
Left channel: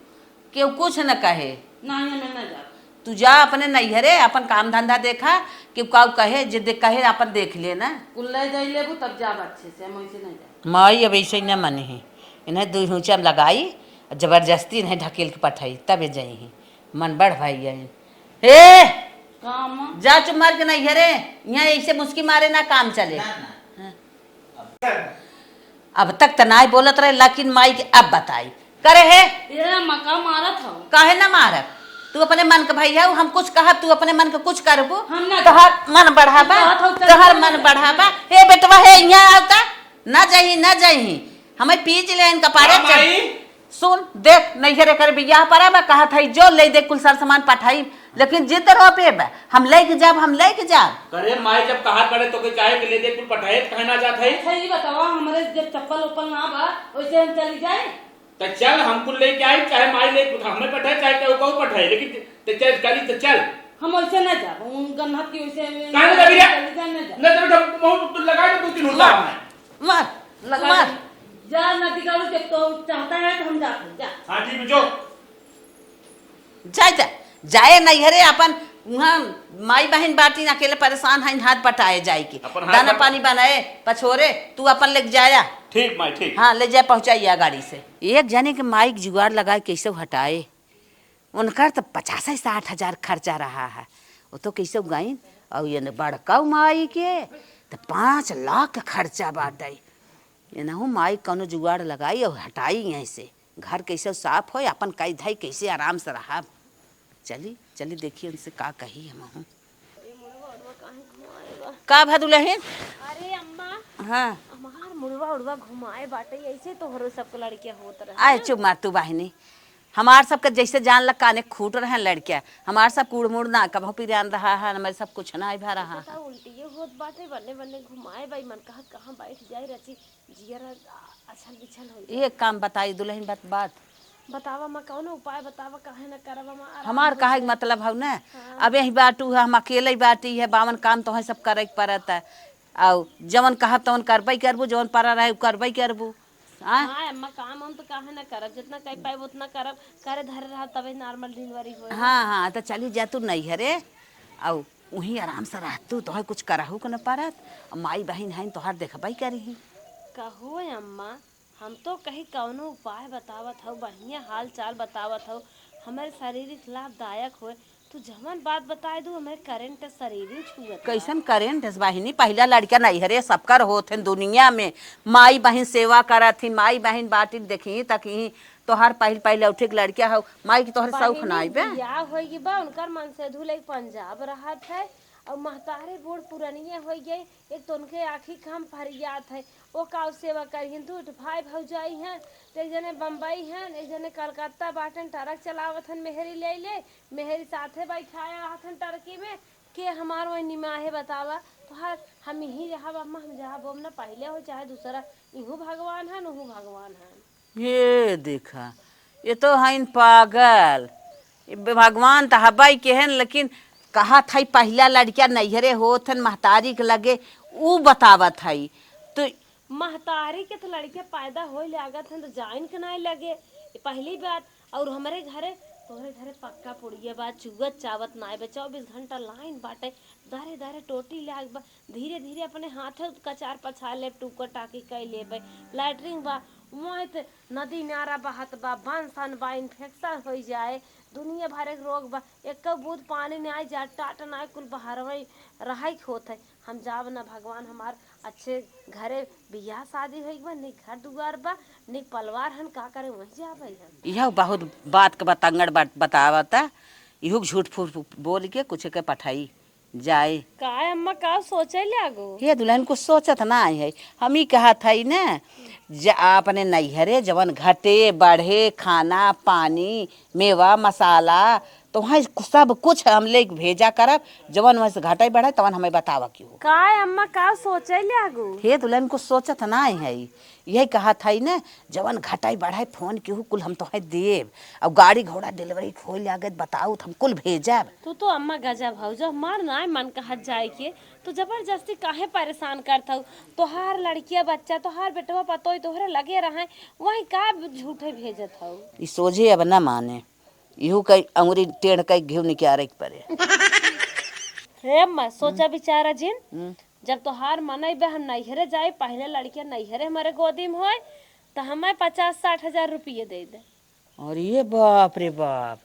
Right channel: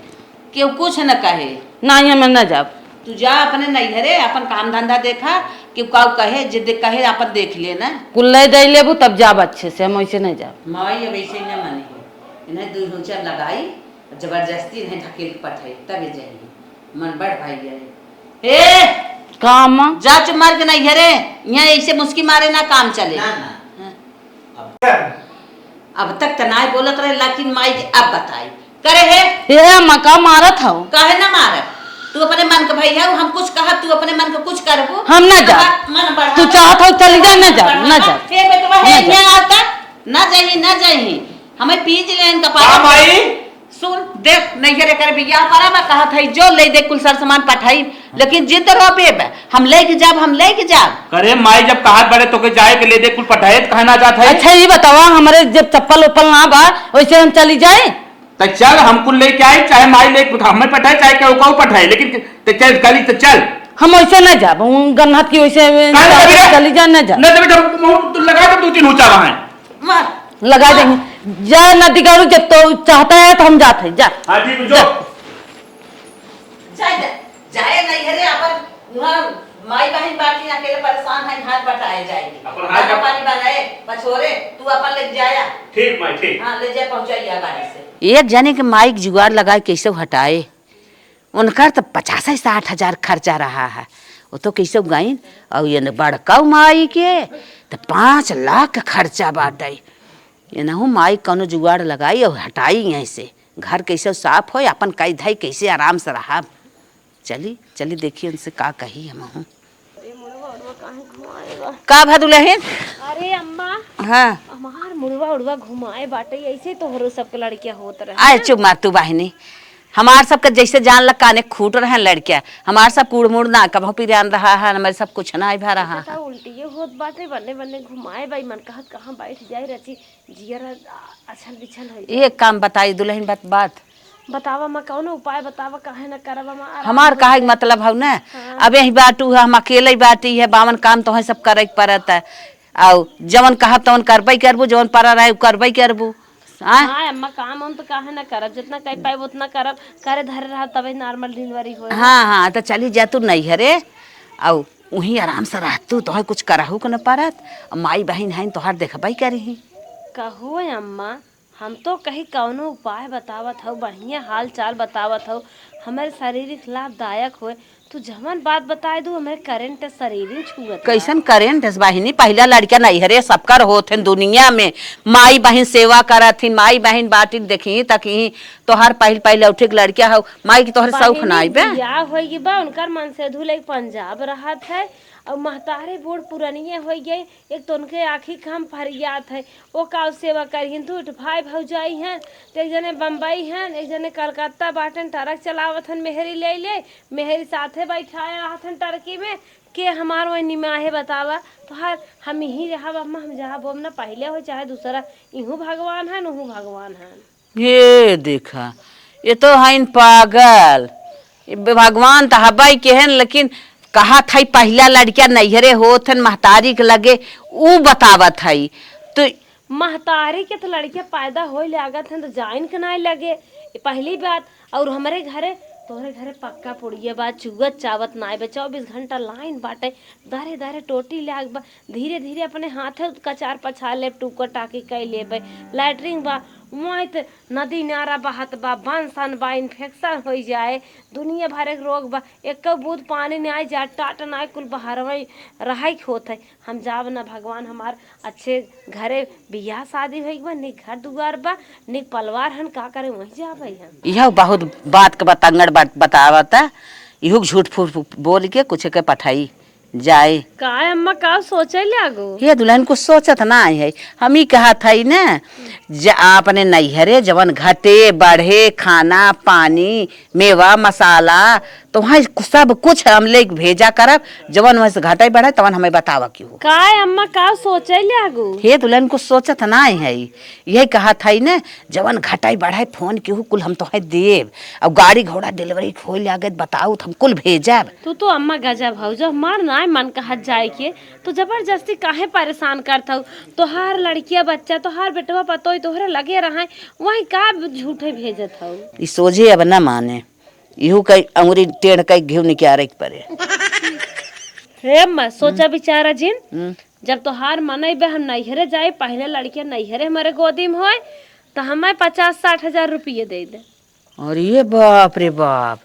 क्यों कुछ न कहे। नहीं हमें न जाब। तू जा अपने नैहरे अपन काम धंधा देखा कि का कहे जिद कहे अपन देख ले ना कुल्ले दे लेबू तब जाब अच्छे से, हम वैसे नहीं जाब। माई अब ऐसे न मन है इन्हें दू हुचा लगाई जबरदस्ती इन्हें ढकेल के पठाई तब जाइए मन बढ़ भाई जाए। ए काम जा चुप मार के नैहरे यहाँ ऐसे मुस्की मारे ना काम चले। अब तक तो ना बोलत रहे लेकिन माई अब बताई करे है ये मका मारा था काहे ना मारा तू अपने मन के भैया हम कुछ कहा तू अपने मन के कुछ करबू हम ना जा मन बढ़ा तू चाहत हो चल जा ना जा ना जा ए बेटवा है यहाँ आता ना जाइए हमें पीज ले इनका पारा माई सुन देख नैहरे कर बियाह पर मैं कहा था जो ले दे कुल सर सामान पठाई लेकिन जिद रोपे हम लेके जाब करे माई जब कहा बड़े तो के जाए के ले दे कुल पठाए कहना जाता है। अच्छा ये बतावा हमारे जब चप्पल उप्पल ना बा वैसे हम चली जाए तो चल हम कुल लेके आए चाहे माई ले हमें पठाए चाहे क्या पठाए लेकिन तो चल गली तो चल हम वैसे न जाब गन्हात की वैसे चली जा न जा तू लगा दे 2-3 ऊंचा वहां मार लगा देंगे जा नदी गाड़ू जब तो चाहता है तो हम जाते जा। हां ठीक जो जाए नैहरे अपन वहाँ माई बहन बाटी अकेले परेशान है हाथ पटाए जाएगी दाना पानी बनाए पछोरे तू अपन लेके जाया। ठीक माई ठीक हाँ ले जाए पहुंचाइया गाड़ी से। एक जने के माइक जुगाड़ लगाए कैसे हटाए उनका तो 50-60 हजार खर्चा रहा है वो तो कैसे गाइन और ये बड़का माई के तो 5 लाख खर्चा बाटे ये ना माई कौनो जुगाड़ लगाई और हटाई यहीं से घर कैसे साफ हो अपन कई धाई कैसे आराम से रहा। चली देखिए उनसे का कही हम का भदुलहिन। अरे अम्मा हाँ हमार मुड़वा उड़वा घुमाए बाटे ऐसे तो हरो सबके लड़कियां होत रहे। आए चुप मार तू बहिनी हमार सबके जैसे जान लग काने खूट रहे लड़किया हमार सब कूड़ मुड़ ना कभो पिरान रहा है हमारे सब कुछ ना भा रहा है। उल्टी होत बाटे बन्ने बन्ने घुमाए भाई मन कहत कहां बैठ जाए रची जियर अछल बिछल है। एक काम बताई दुल्हन बात बतावा मैं कौन उपाय बतावा काहे न करवा मैं हमार काहे मतलब हौ ना अब यही बाटू है हम अकेले बाटी है बावन काम तो है सब करे पड़ता है और जवन कहब तवन करबे करबू जवन पड़ा रहे करबे करबू। हाँ अम्मा काम हम तो काहे न करब जितना कह पाए उतना करब करे धरे रहा तबे नॉर्मल डिलीवरी हो। हाँ तो चली जा तू नैहरे और वहीं आराम से रह तू तो कुछ करहू के न पड़त माई बहन है तोहार देखबे करी कहो अम्मा हम तो कहीं कौनो उपाय बतावत हो बढ़िया हाल चाल बतावत हो हमारे शारीरिक लाभदायक हो तू जवन बात बताए दू हमारे करंट शरीर छुअत कैसन करें दस बहिनी पहला लड़का नैहरे सबकर होत दुनिया में माई बहन सेवा करत थी माई बहन बाटी देखी तकी तोहर पहले उठे लड़किया हो माई की तोहर शौक ना आई बियाह होई बा उनकर मन से धुले पंजाब रहत है और महतारे बूढ़ पुरानिये हो गए एक तो उनके आखी काम फरियात है वो का सेवा करियन तू भाई भौजाई हैं एक जने बम्बई हैं एक जने कलकत्ता बाटन ट्रक चलावत हन मेहरी ले मेहरी साथे बैठाया रहतन टरकी में के हमार वही निमाहे बतावा तो हर हम ही रहा अम्मा हम जहाँ बोम ना पहले हो चाहे दूसरा इहू भगवान है नहू भगवान है। ये देखा ये तो है पागल भगवान तो हवाई के हैं लेकिन कहा था पहला लड़किया नैहरे होत हन महतारी के लगे ऊ बतावत है तो महतारी के तो लड़कियां पैदा हो लागत हैं तो जाइन के नहीं लगे ये पहली बात। और हमारे घरे तोहरे घरे पक्का पुड़िया बा, चुगत चावत नाय बा, 24 घंटा लाइन बाटे, दारे दारे टोटी लाग बा, धीरे धीरे अपने हाथे कचार पछा ले, टूकर टाकी कई लेबे, लैटरिन बा, वहाँ तो नदी नारा बहत बा, बंसन बा, इन्फेक्शन हो जाए, दुनिया भर के रोग बा, एक बूंद पानी नहीं जाए, टाट ना कुल बाहर में रहा होत है। हम जाब ना भगवान हमार अच्छे घरे बियाह शादी हो बा, निक घर दुआर बा, निक परिवार हन, का करे वही जाब हम। यह बहुत बात के बतंगड़ बतावता, इहू झूठ फूट बोल के कुछ के पठाई जाए। का अम्मा का सोचे लागो? ये दुल्हन कुछ सोचत ना है, हम ही कहा था न अपने नैहरे जवन घटे बढ़े खाना पानी मेवा मसाला तो वहाँ सब कुछ हम ले भेजा करब, जवन वहाँ से घटे बढ़े तवन हमें बतावा क्यों। का अम्मा का सोचे लागो? हे दुल्हन कुछ सोचत ना है, यही कहा था न जवन घटाई बढ़ाई फोन केहू कुल हम तो देव, अब गाड़ी घोड़ा डिलीवरी खोल आगे बताऊ हम कुल भेजब। तू तो अम्मा गजब हो जो मार ना मन कहत जाए के, तो जबरदस्ती काहे परेशान करत हो? तोहार लड़किया बच्चा तोहार बेटवा पतोई तोहरे लगे रहा वही का झूठे भेजत हो? ई सोझे अब न माने, इहू कई अंगुरी टेढ़ कई घिव निकारे के परे। हे अम्मा सोचा विचारा जिन, जब तोहार मन बे हम नैहरे जाए, पहले लड़किया नैहरे हमारे गोदी में होए तो हमें 50-60 हजार रुपये दे दे। और ये बाप रे बाप,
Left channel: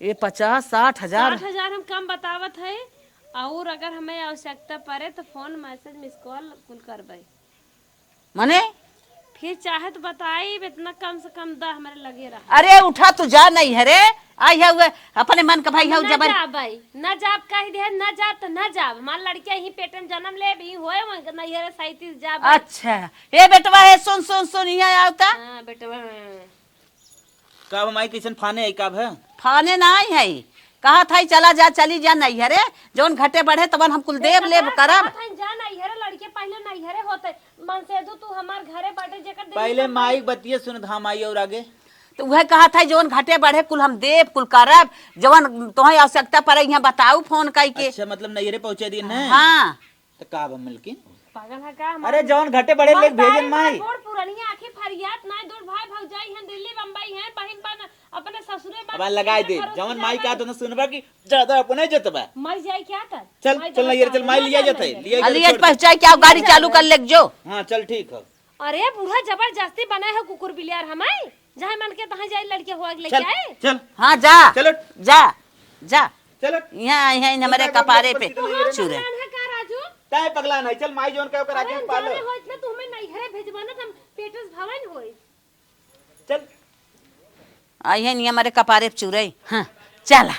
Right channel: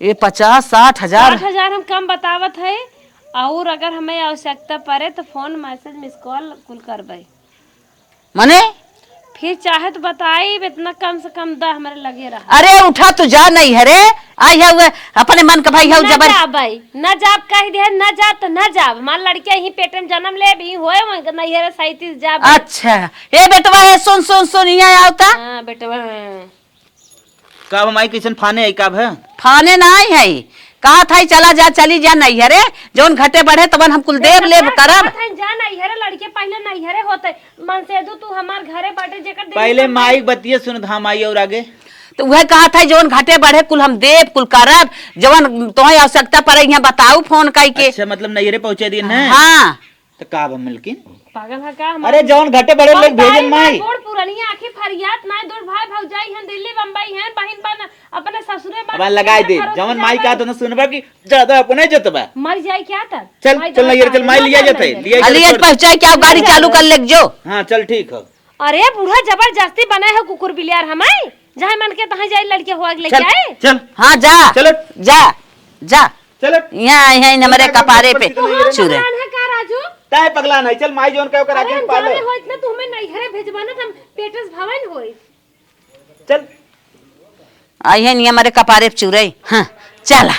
ये 50-60 हजार 60 हजार हम कम बतावत है, और अगर हमें आवश्यकता पड़े तो फोन मैसेज मिस कॉल कुल करबे। मने फिर चाहे तो बताई, इतना कम से कम दा हमारे लगे रहा। अरे उठा तू जा नहीं है रे, आई है हुए अपने मन का भाई है न जबर जा भाई, न जाब कह दे, न जा तो न जाब, हमार लड़किया ही पेट में जन्म ले भी होए नहीं है 37 जाब। अच्छा ये बेटवा है, सुन सुन सुन यहाँ आवता। हां बेटवा कब हमारी किशन फाने है कब है फाने ना आई है, कहा था चला जा चली जा नहीं है रे, जौन घटे बढ़े तवन हम कुल देव लेब करब। जा नहीं है लड़के पहले नहीं है होते मन से दू तू हमार घरे बाटे जेकर पहले माई बतिये सुन हम आई और आगे तो वह कहा था जौन घटे बढ़े कुल हम देव कुल करब, जवन तुम्हें आवश्यकता पड़े यहाँ बताऊ फोन कई के। अच्छा मतलब नैहरे पहुंचे दिन है। हाँ तो काब हम मिलकिन पागल है का? अरे जौन घटे बड़े लोग भेजन माई बूढ़ पुरानी आंखें फरियाद ना, दूर भाई भौजाई हैं, दिल्ली बम्बई हैं, बहन बन अपने ससुरे अब लगाई दे जौन माई का तो न सुनबा की ज्यादा अपने जतबा मर जाए क्या था? चल चल नैहरे चल माई लिया जते अलियत पहुंचाए क्या गाड़ी चालू कर ले जो। हां चल ठीक है। अरे बूढ़ा जबरदस्ती बनाए हो कुकुर बिलियार हमें, जहां मन के तहां जाए लड़के हो लेके चल आए। चल हाँ जा चलो जा जा, चलो यहाँ यहाँ हमारे कपारे पे चूरे। है का राजू? ताय पगला नहीं चल माई जोन कहो कर अरे आगे हम पालो जाने हो इतना तुम्हें नहीं घरे भेजबाना हम पेटस भवन होई। चल आई है नहीं हमारे कपारे पे चूरे। हाँ चला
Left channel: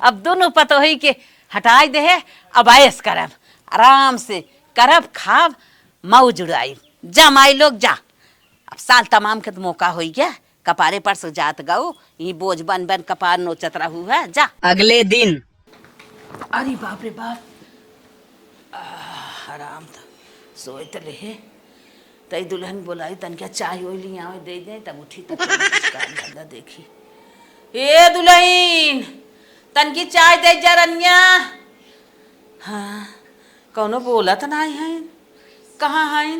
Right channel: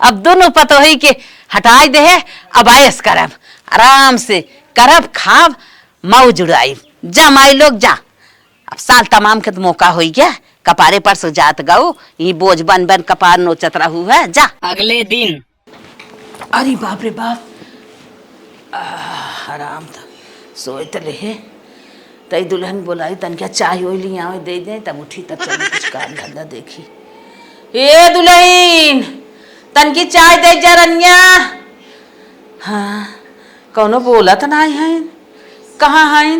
अब दोनों पतो ही के हटाई दे है, अब आयस करब आराम से करब खाब मौज उड़ाई। जा माई लोग जा, अब साल तमाम के तो मौका हो गया, कपारे पर से जात गऊ ये बोझ बन बन कपार नोचत रहू है। जा अगले दिन अरे बाप रे बाप, आराम था सोए तो रहे तई दुल्हन बोलाई तन क्या चाय हो ली यहाँ दे दे, तब उठी तब चली कुछ काम धंधा देखी। ए दुल्हन तन की चाय दे जा रनिया। हाँ कौनो बोलत ना है, कहाँ है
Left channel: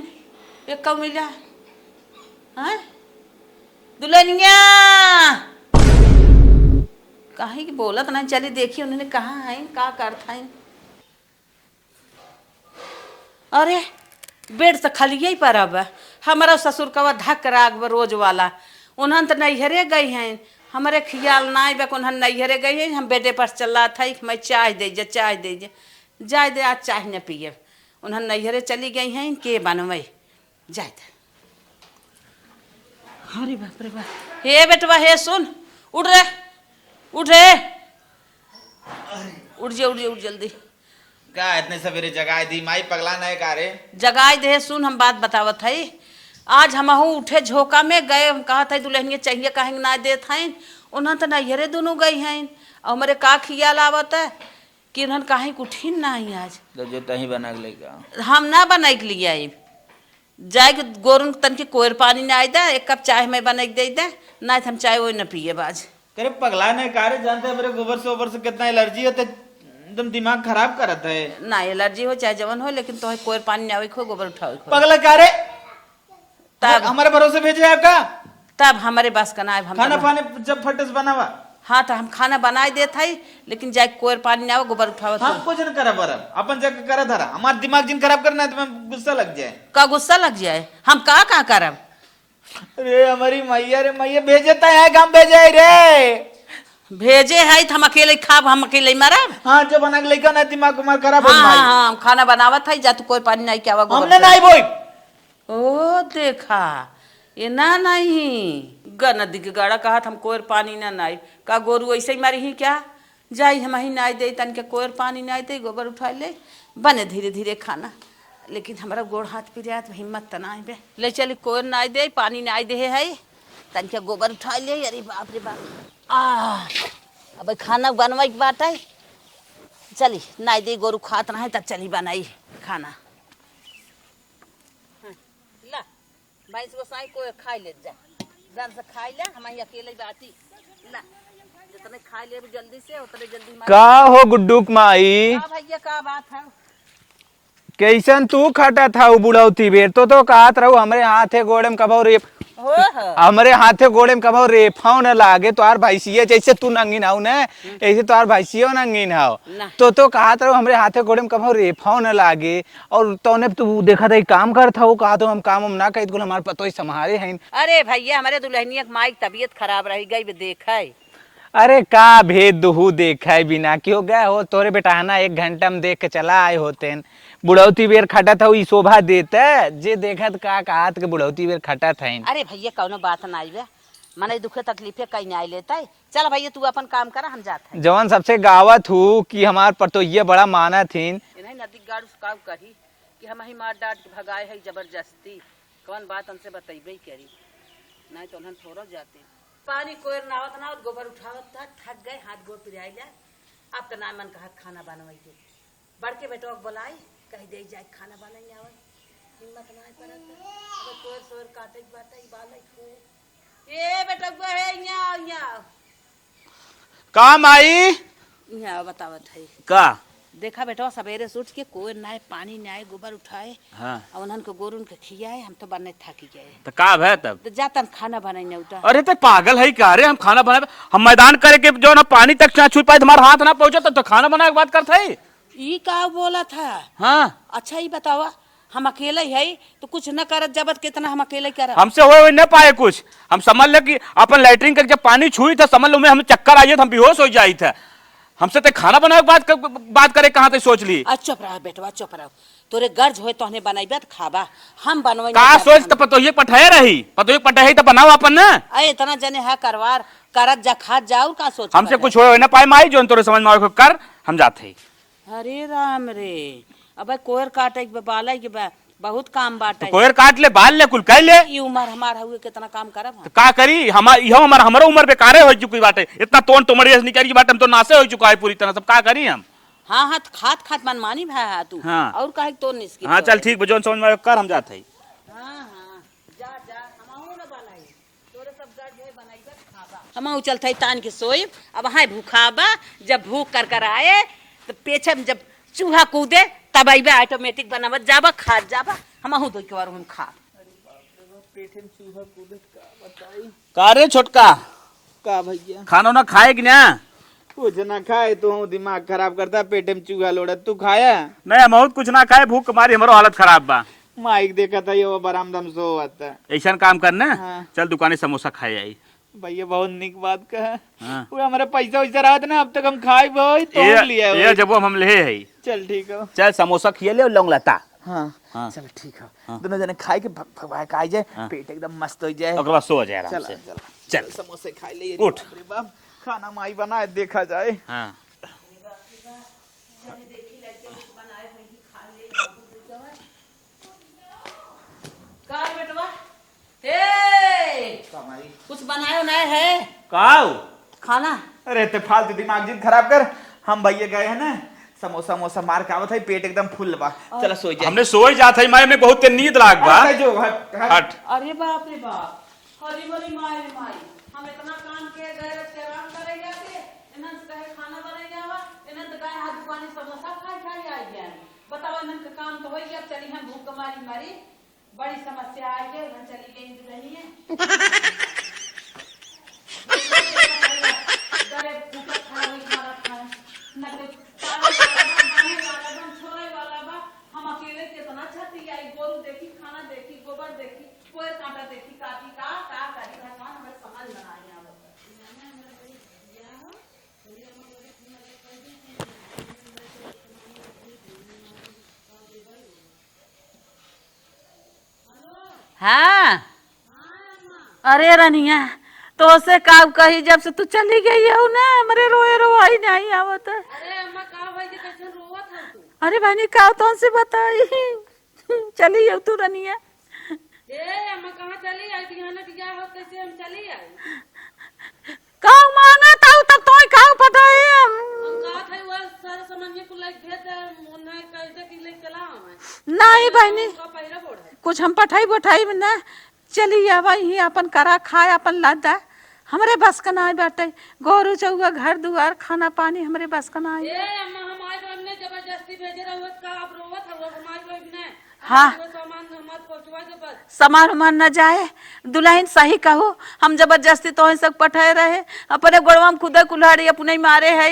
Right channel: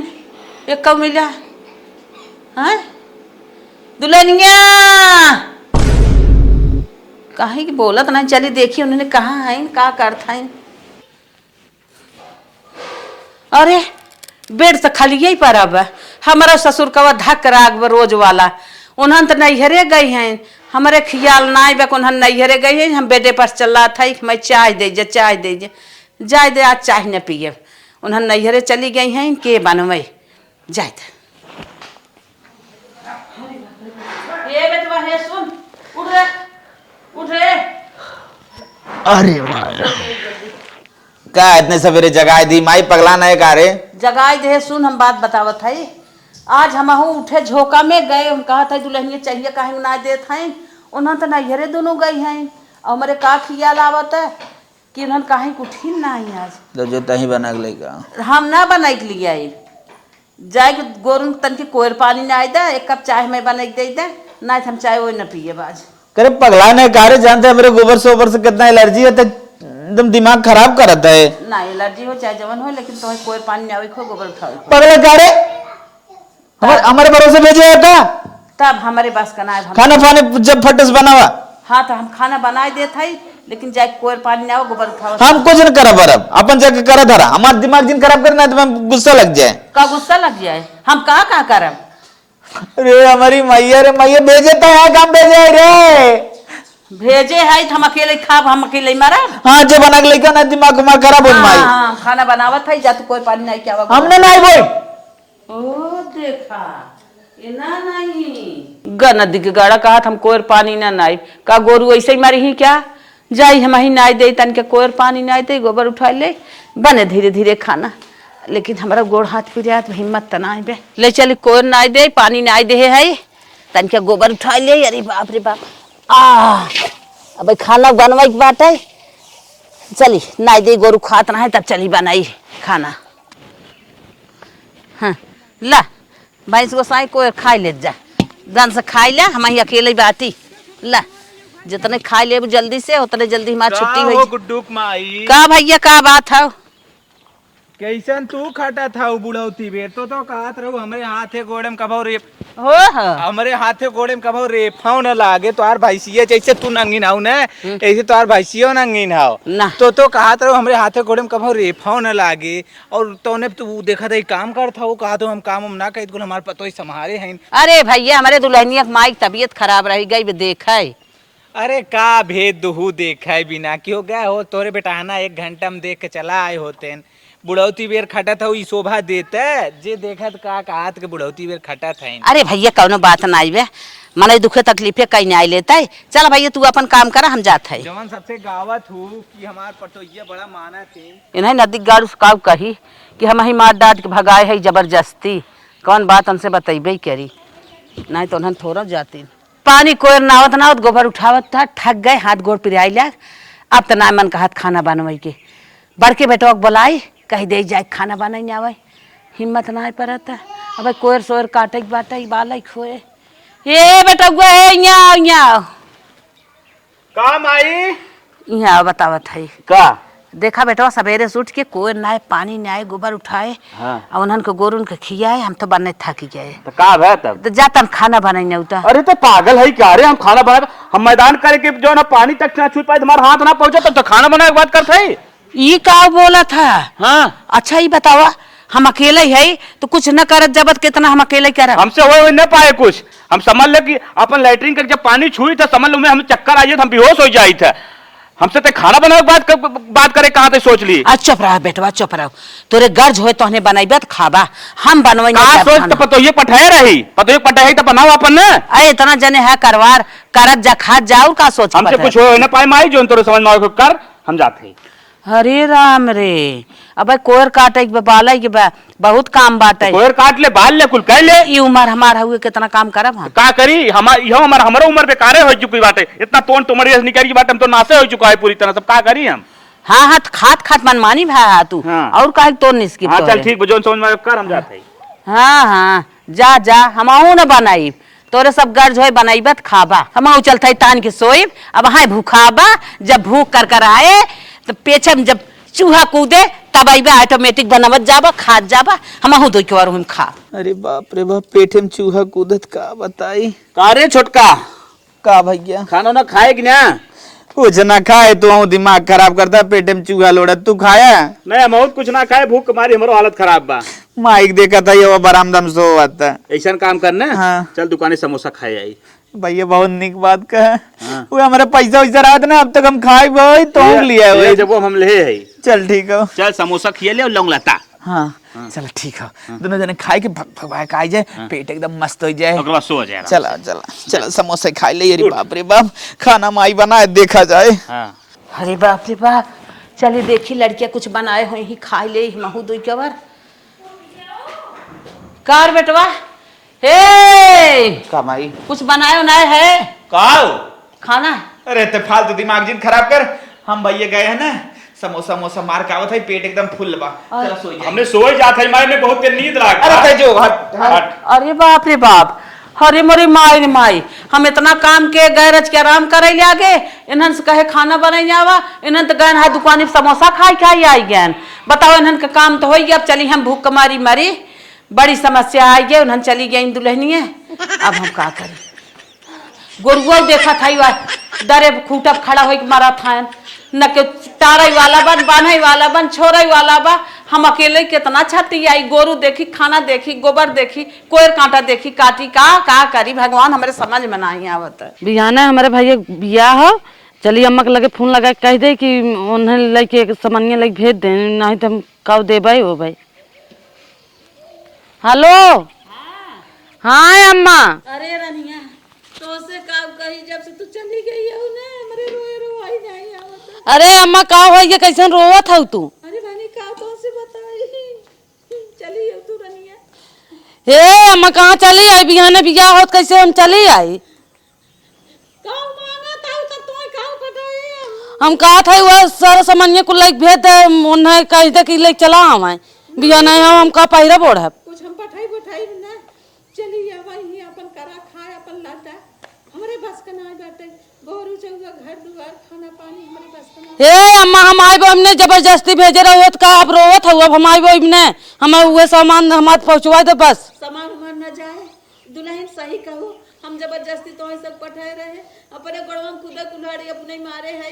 ये कब मिला? हाँ दुल्हनिया कहीं की बोलत नहीं, चली देखी उन्होंने कहा है का करता है। अरे बेड से खाली यही पर अब हमारा ससुर का धक राग रोज वाला, उन्हन तो नैहरे गई हैं, हमारे ख्याल ना बक उन्हन नैहरे गई हैं, हम बेडे पर चल रहा था मैं चाय दे चाय दे जाए दे, आज चाय न पिए, उन्हन नैहरे चली गई हैं के बनवे जाए। अरे बाप रे बाप, ये बेटवा है सुन उठ रे उठ रे। अरे जल्दी का इतने सवेरे जगाए दी माई पगला नहीं का रे? जगाए दे सुन हम बात बतावत है। आज हम उठे झोंका में गए, हम कहा था दुल्हनिया चाहिए काहे ना देत हैं, उन्होंने तो नैहरे दोनों गई हैं, और हमारे का खियाल आवत है कि उन्होंने काहे उठिन ना आई आज। तो जो तही बना के लेगा हम ना बना के लिए आई जाए गोरन तन के कोयर पानी ना आई दा, एक कप चाय में बना के दे दे ना, हम चाय वो न पिए बाज। करे पगला नहीं का रे, जानते मेरे गोबर से ऊपर से कितना एलर्जी होता है, एकदम दिमाग खराब करता है। ना एलर्जी हो चाहे जवन हो, लेकिन तुम्हें कोयर पानी ना आवे खो गोबर उठाओ। पगला का रे हमारे भरोसे भेजे था तब हमारे बस का ना खाना फाने जब फटस बनावा हाँ तो हम खाना बनाए देते है लेकिन जाके कोई पानी ना हो गोबर उठाओ हम कुछ न करा बरब अपन जाके करा धरा हमार दिमाग जिन खराब करना है तो मैं गुस्सा लग जाए का गुस्सा लग जाए हम कहाँ करब अरे हमारी मैया रे मैया भेजे तो है काम भेजे रे भेजे है तो हम अकेले खाब हम अकेले मरब हाँ जो बना के लेकर ना दिमाग उमाग खराब हो माई हाँ हम खाना बनावत है जा तो कोई पानी नहीं क्या हमने नहीं बोल ओ देखा ये ना नहीं ग नदी के गाड़ा कहा हम कोर पानी ना नाई का गोरू ऐसे ही मारी ही क्या जाई हम ही नाई दे तन के कोर पानी नाई दे गोबर उठा ले बने धीरे धीरे खाना लेकिन हमारा गोड़ हाथ पिरियात हिम्मत तना बे ले चल कोर नाई दे पानी नाई दे है तन के गोबर उठा ले अरे बाप रे बाप अब खाना बनवाई के बात है चली नाई दे गोरू खात ना है तब चली बनाई खाना हाँ ला भैंस को साई कोई खाई ले जा दन से खाई ले हम ही अकेले बाती ला जितने खाई ले जल्दी से उतने जल्दी हमारी का छुट्टी हो हो गुड्डूक माई का भैया का बात है कैसन तू खटा था बुढ़ौती बेर तो कहत रहू हमरे हाथे गोड़े में कबो रे हो हमरे हाथे गोड़े में कबो रेफाव न लागे तोहार भैंसिया जैसे तू नंगी नाऊ ने ऐसे तोहार भैंसियो नंगी नाऊ ना। तो कहत रहू हमरे हाथे गोड़े में कबो रेफाव न लागे और तूने तू देखा था काम करत हो कहा तो हम काम हम ना कही हमारे पतो ही संभारे हैं अरे भैया हमारे दुल्हनिया की माई की तबीयत खराब रही गई देखा अरे का भेद दुहू देखा है बिना क्यों गए हो तोरे बेटा ना 1 घंटा में देख के चला आए होते बुढ़ौती बेर खटा था ई शोभा देता जे देखा का कहत के बुढ़ौती बेर खटा था अरे भैया कौनो बात ना आई बे मन दुखे तकलीफे कहीं नहीं लेता है चल भैया तू अपन काम करा हम जाते हैं जवान सबसे गावत हूँ कि हमार पर तो ये बड़ा माना थी इन्हें नदी गाड़ू काव कही कि हम ही मार डांट के भगाए है जबरदस्ती कौन बात हमसे बतेबे करी नहीं तो उन्हें थोड़ा जाती पानी कोई नावत नावत गोबर उठावत था ठग गए हाथ गोड़ पिराई लाग अब तो ना मन का हाथ खाना बनवाई के बड़के बेटवा के बुलाई कहीं दे जाए खाना बनाई आवे हिम्मत ना पड़ता अब कोयर सोयर काटे के बाटे बाल खोए ये बेटा गुआ है यहाँ काम आई यहाँ बतावत है का देखा बेटवा सवेरे से उठ के कोई ना पानी ना गोबर उठाए हाँ। और उन्हन के गोरुन के खियाए हम तो बनने थकी गए तो का है तब तो जाता हम खाना बनाई उता अरे तो पागल है क्या अरे हम खाना बना हम मैदान करे के जो ना पानी तक ना छू पाए तुम्हारा हाथ ना पहुंचा तब तो खाना बनाने की बात करते है ये का बोला था हाँ अच्छा ही बतावा हम अकेले है तो कुछ न करत जबत कितना हम अकेले करब हमसे हो न पाए कुछ हम समझ ले कि अपन लैट्रिन कर जब पानी छुई था समझ लो में हम चक्कर आई हम बेहोश हो जाई थे हमसे तो खाना बनाने की बात करे कहाँ थे सोच ली आज चुप रहा बेटवा चुप रहो तोरे गर्ज होए तो बनैबे तो खाबा हम बनवाई कहाँ सोच तो पतो ये पठाए रही पतो ये पठाए तो बनाओ अपन ने अरे इतना जने है करवार करत जा खात जाओ का सोच हमसे कुछ हो न पाए माई जो तोरे समझ में आवे कर हम जाते हरे राम रे अब कोयर काटे के बाल के बहुत काम बाटे कोयर काट ले बाल ले कुल कर ले ई उम्र हमारा हुए कितना काम करब हम का करी हमारा उम्र बेकारे हो चुकी बात है इतना तोन तुम्हारी निकल की बात हम तो नासे हो चुका है पूरी तरह सब का करी हम हाँ हाँ खात खात मनमानी भा तू हाँ। और काहे तो निस्की हाँ चल ठीक जो समझ में कर हम जाते हैं हाँ हाँ जा जा हमहू न बनाई तोरे सब गर्ज होए बनाईबत खाबा हमहू चलते तान के सोई अब हाँ भूखाबा जब भूख कर कर आए तो पेछे में जब चूहा कूदे तब आइबे ऑटोमेटिक बनावत जाबा खात जाबा हमहू दो के हम खा अरे बाप रे बाप पेटे में चूहा कूदत का बताई का रे छोटका का भैया खाना ना खाए कि ना कुछ ना खाए तो दिमाग खराब करता पेटे में चूहा लोड़त तू खाया नहीं बहुत कुछ ना खाए भूख मारी हमारो हालत खराब बा माइक देखा था ये बरामदम सो आता ऐसा काम करना हाँ। चल दुकाने समोसा खाए आई भैया बहुत निक बात का है वो हमारा पैसा वैसा रहा था ना अब तक हम खाए भाई तो लिया ये है जब वो हम ले है चल ठीक है चल समोसा खिए ले और लौंग लता हाँ चल ठीक है दोनों जने खाए के भगवाए खाए जाए पेट एकदम मस्त हो जाए अगला सो जाए चला चला चला समोसे खाए ले अरे बाप रे बाप खाना माई बनाए देखा जाए हाँ। अरे बाप रे बाप चलिए देखी लड़कियां कुछ बनाए हुए ही खाई ले महू दो के बार कार बेटवा हे कमाई कुछ बनाए उनाए है काओ खाना अरे ते फालतू दिमाग जिन खराब कर हम भैया गए हैं ना समोसा मोसा मार के आवत है पेट एकदम फुल बा चला सो जाए हमने सोए जाते हैं माई में बहुत देर नींद लाग अरे ते जो हट हट अरे बाप रे बाप हरे मोरी माई रे माई हम इतना काम के गैरज के आराम करे ले आगे इन्हन से कहे खाना बनाई जावा इन्हन तो गए है दुकान समोसा खाई खाई आई गए बताओ इन्हन का काम तो हो अब चली हम भूख कमारी मरी बड़ी समस्या आई है, उन्हन चली गई दुल्हनिया। अब हम का करें? गोरुआ देखा था दरे खूटब खड़ा हो मारा था, न के तारई वाला बन, बान्हई वाला बन, छोड़ई वाला बा। हम अकेले कितना छती आई, गोरू देखी, खाना देखी, गोबर देखी, कोयर कांटा देखी, काटी का करी भगवान हमारे समझ में नहीं आवत। बिहाना हमारे भाई बियाह हो, चलिए अम्मा के लगे फोन लगा कह दे कि उन्हें लेके सामान्य लेके भेज दे, नहीं तो हम कब दे भाई हो भाई। हेलो। हाँ हाँ अम्मा। अरे रनिया तो से का कही, जब से तू चली गई हो ना हमारे रोए रोवाई नहीं आवत। अरे अम्मा का हो ये कैसे रोवत हो तू? अरे बहनी का तो से बताई चली हो तू रनिया। ए अम्मा कहाँ चली आई? बिहाने बियाह होत कैसे हम चली आई? का मांगा था तब तो का पता है। हम कहा था वह सारा सामान्य को लेके भेज दे, उन्हें कह दे कि लेके चला हमें बिहाने हम का पहिरा बोड़ है कुछ हम पठाई में ना चली आवा ही अपन करा खाए अपन लादा हमरे बस का ना बाटे। गोरू चौगा घर दुआर खाना पानी हमरे बस का ना। ए अम्मा हम आए हमने जबरदस्ती भेजे रहो का अब रोवत हो, अब हम आए हमने हमारे हुए सामान हमारे पहुंचवा दे बस। सामान उमान न जाए दुल्हन सही कहू, हम जबरदस्ती तो सब पठाए रहे, अपने गोड़वा में खुदा कुल्हाड़ी अपने मारे है।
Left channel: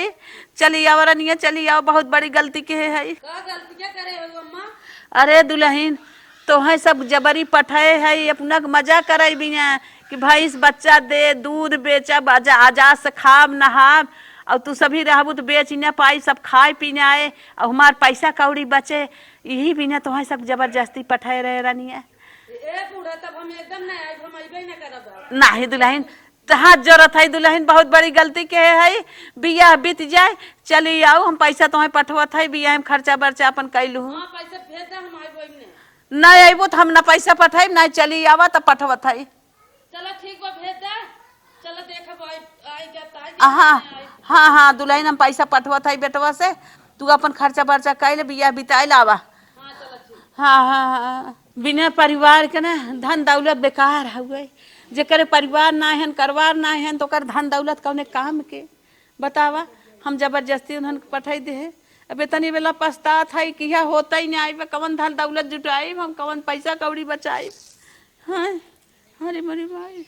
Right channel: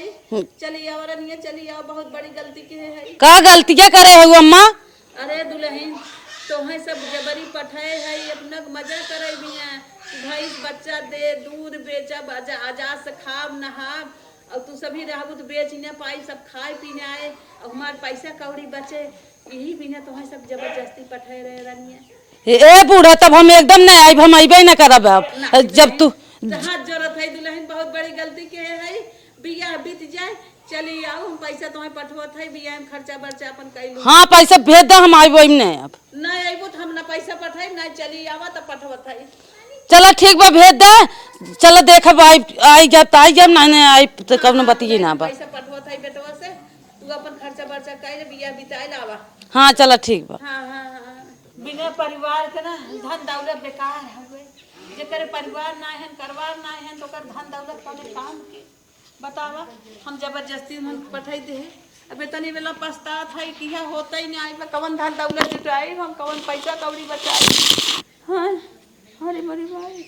चली आओ रनिया चली आओ, बहुत बड़ी गलती के है। का गलतियां करे है अम्मा? अरे दुल्हन तो है सब जबरी पठाए है, अपना मजा करे बिना कि भैंस बच्चा दे, दूध बेचा, बाजा आजाद से खाब नहाब, और तू सभी रहबू तो बेच न पाई, सब खाए पीने आए और हमार पैसा कौड़ी बचे, यही बिना तो है सब जबरदस्ती पठाए रहे रनिया। ए बूढ़ा तब हम एकदम नहीं आई, हम अबे न करब अब। जब तू हाथ जरूरत है दुल्हन, बहुत बड़ी गलती के है। बियाह बीत जाए चली आओ, हम पैसा तुम्हें पठवत है, बियाह में खर्चा बर्चा अपन कैलू। हाँ पैसा भेज दे, हम आबो ने अब। नहीं आबो तो हम ना पैसा पठाई ना चली आवा तो पठवत है। चलो ठीक बा भेज दे, चलो देखब आई जब आई जब ना आई तो कब न बतिए ना। पैसा पठवत है बेटवा से, तू अपन खर्चा बर्चा कैले बियाह बिताई लावा। हाँ चलो ठीक बा। हाँ बिना परिवार के ना धन दौलत बेकार हुए, जेकर परिवार ना है करवार ना है तो कर धन दौलत कौने काम के बतावा। हम जबरदस्ती उन्हन पठाई दे, अबे तनी बेला पछतात है कि यह होता ही नहीं आई, कौन धन दौलत जुटाई, हम कौन पैसा कौड़ी बचाई। हाँ अरे मेरी भाई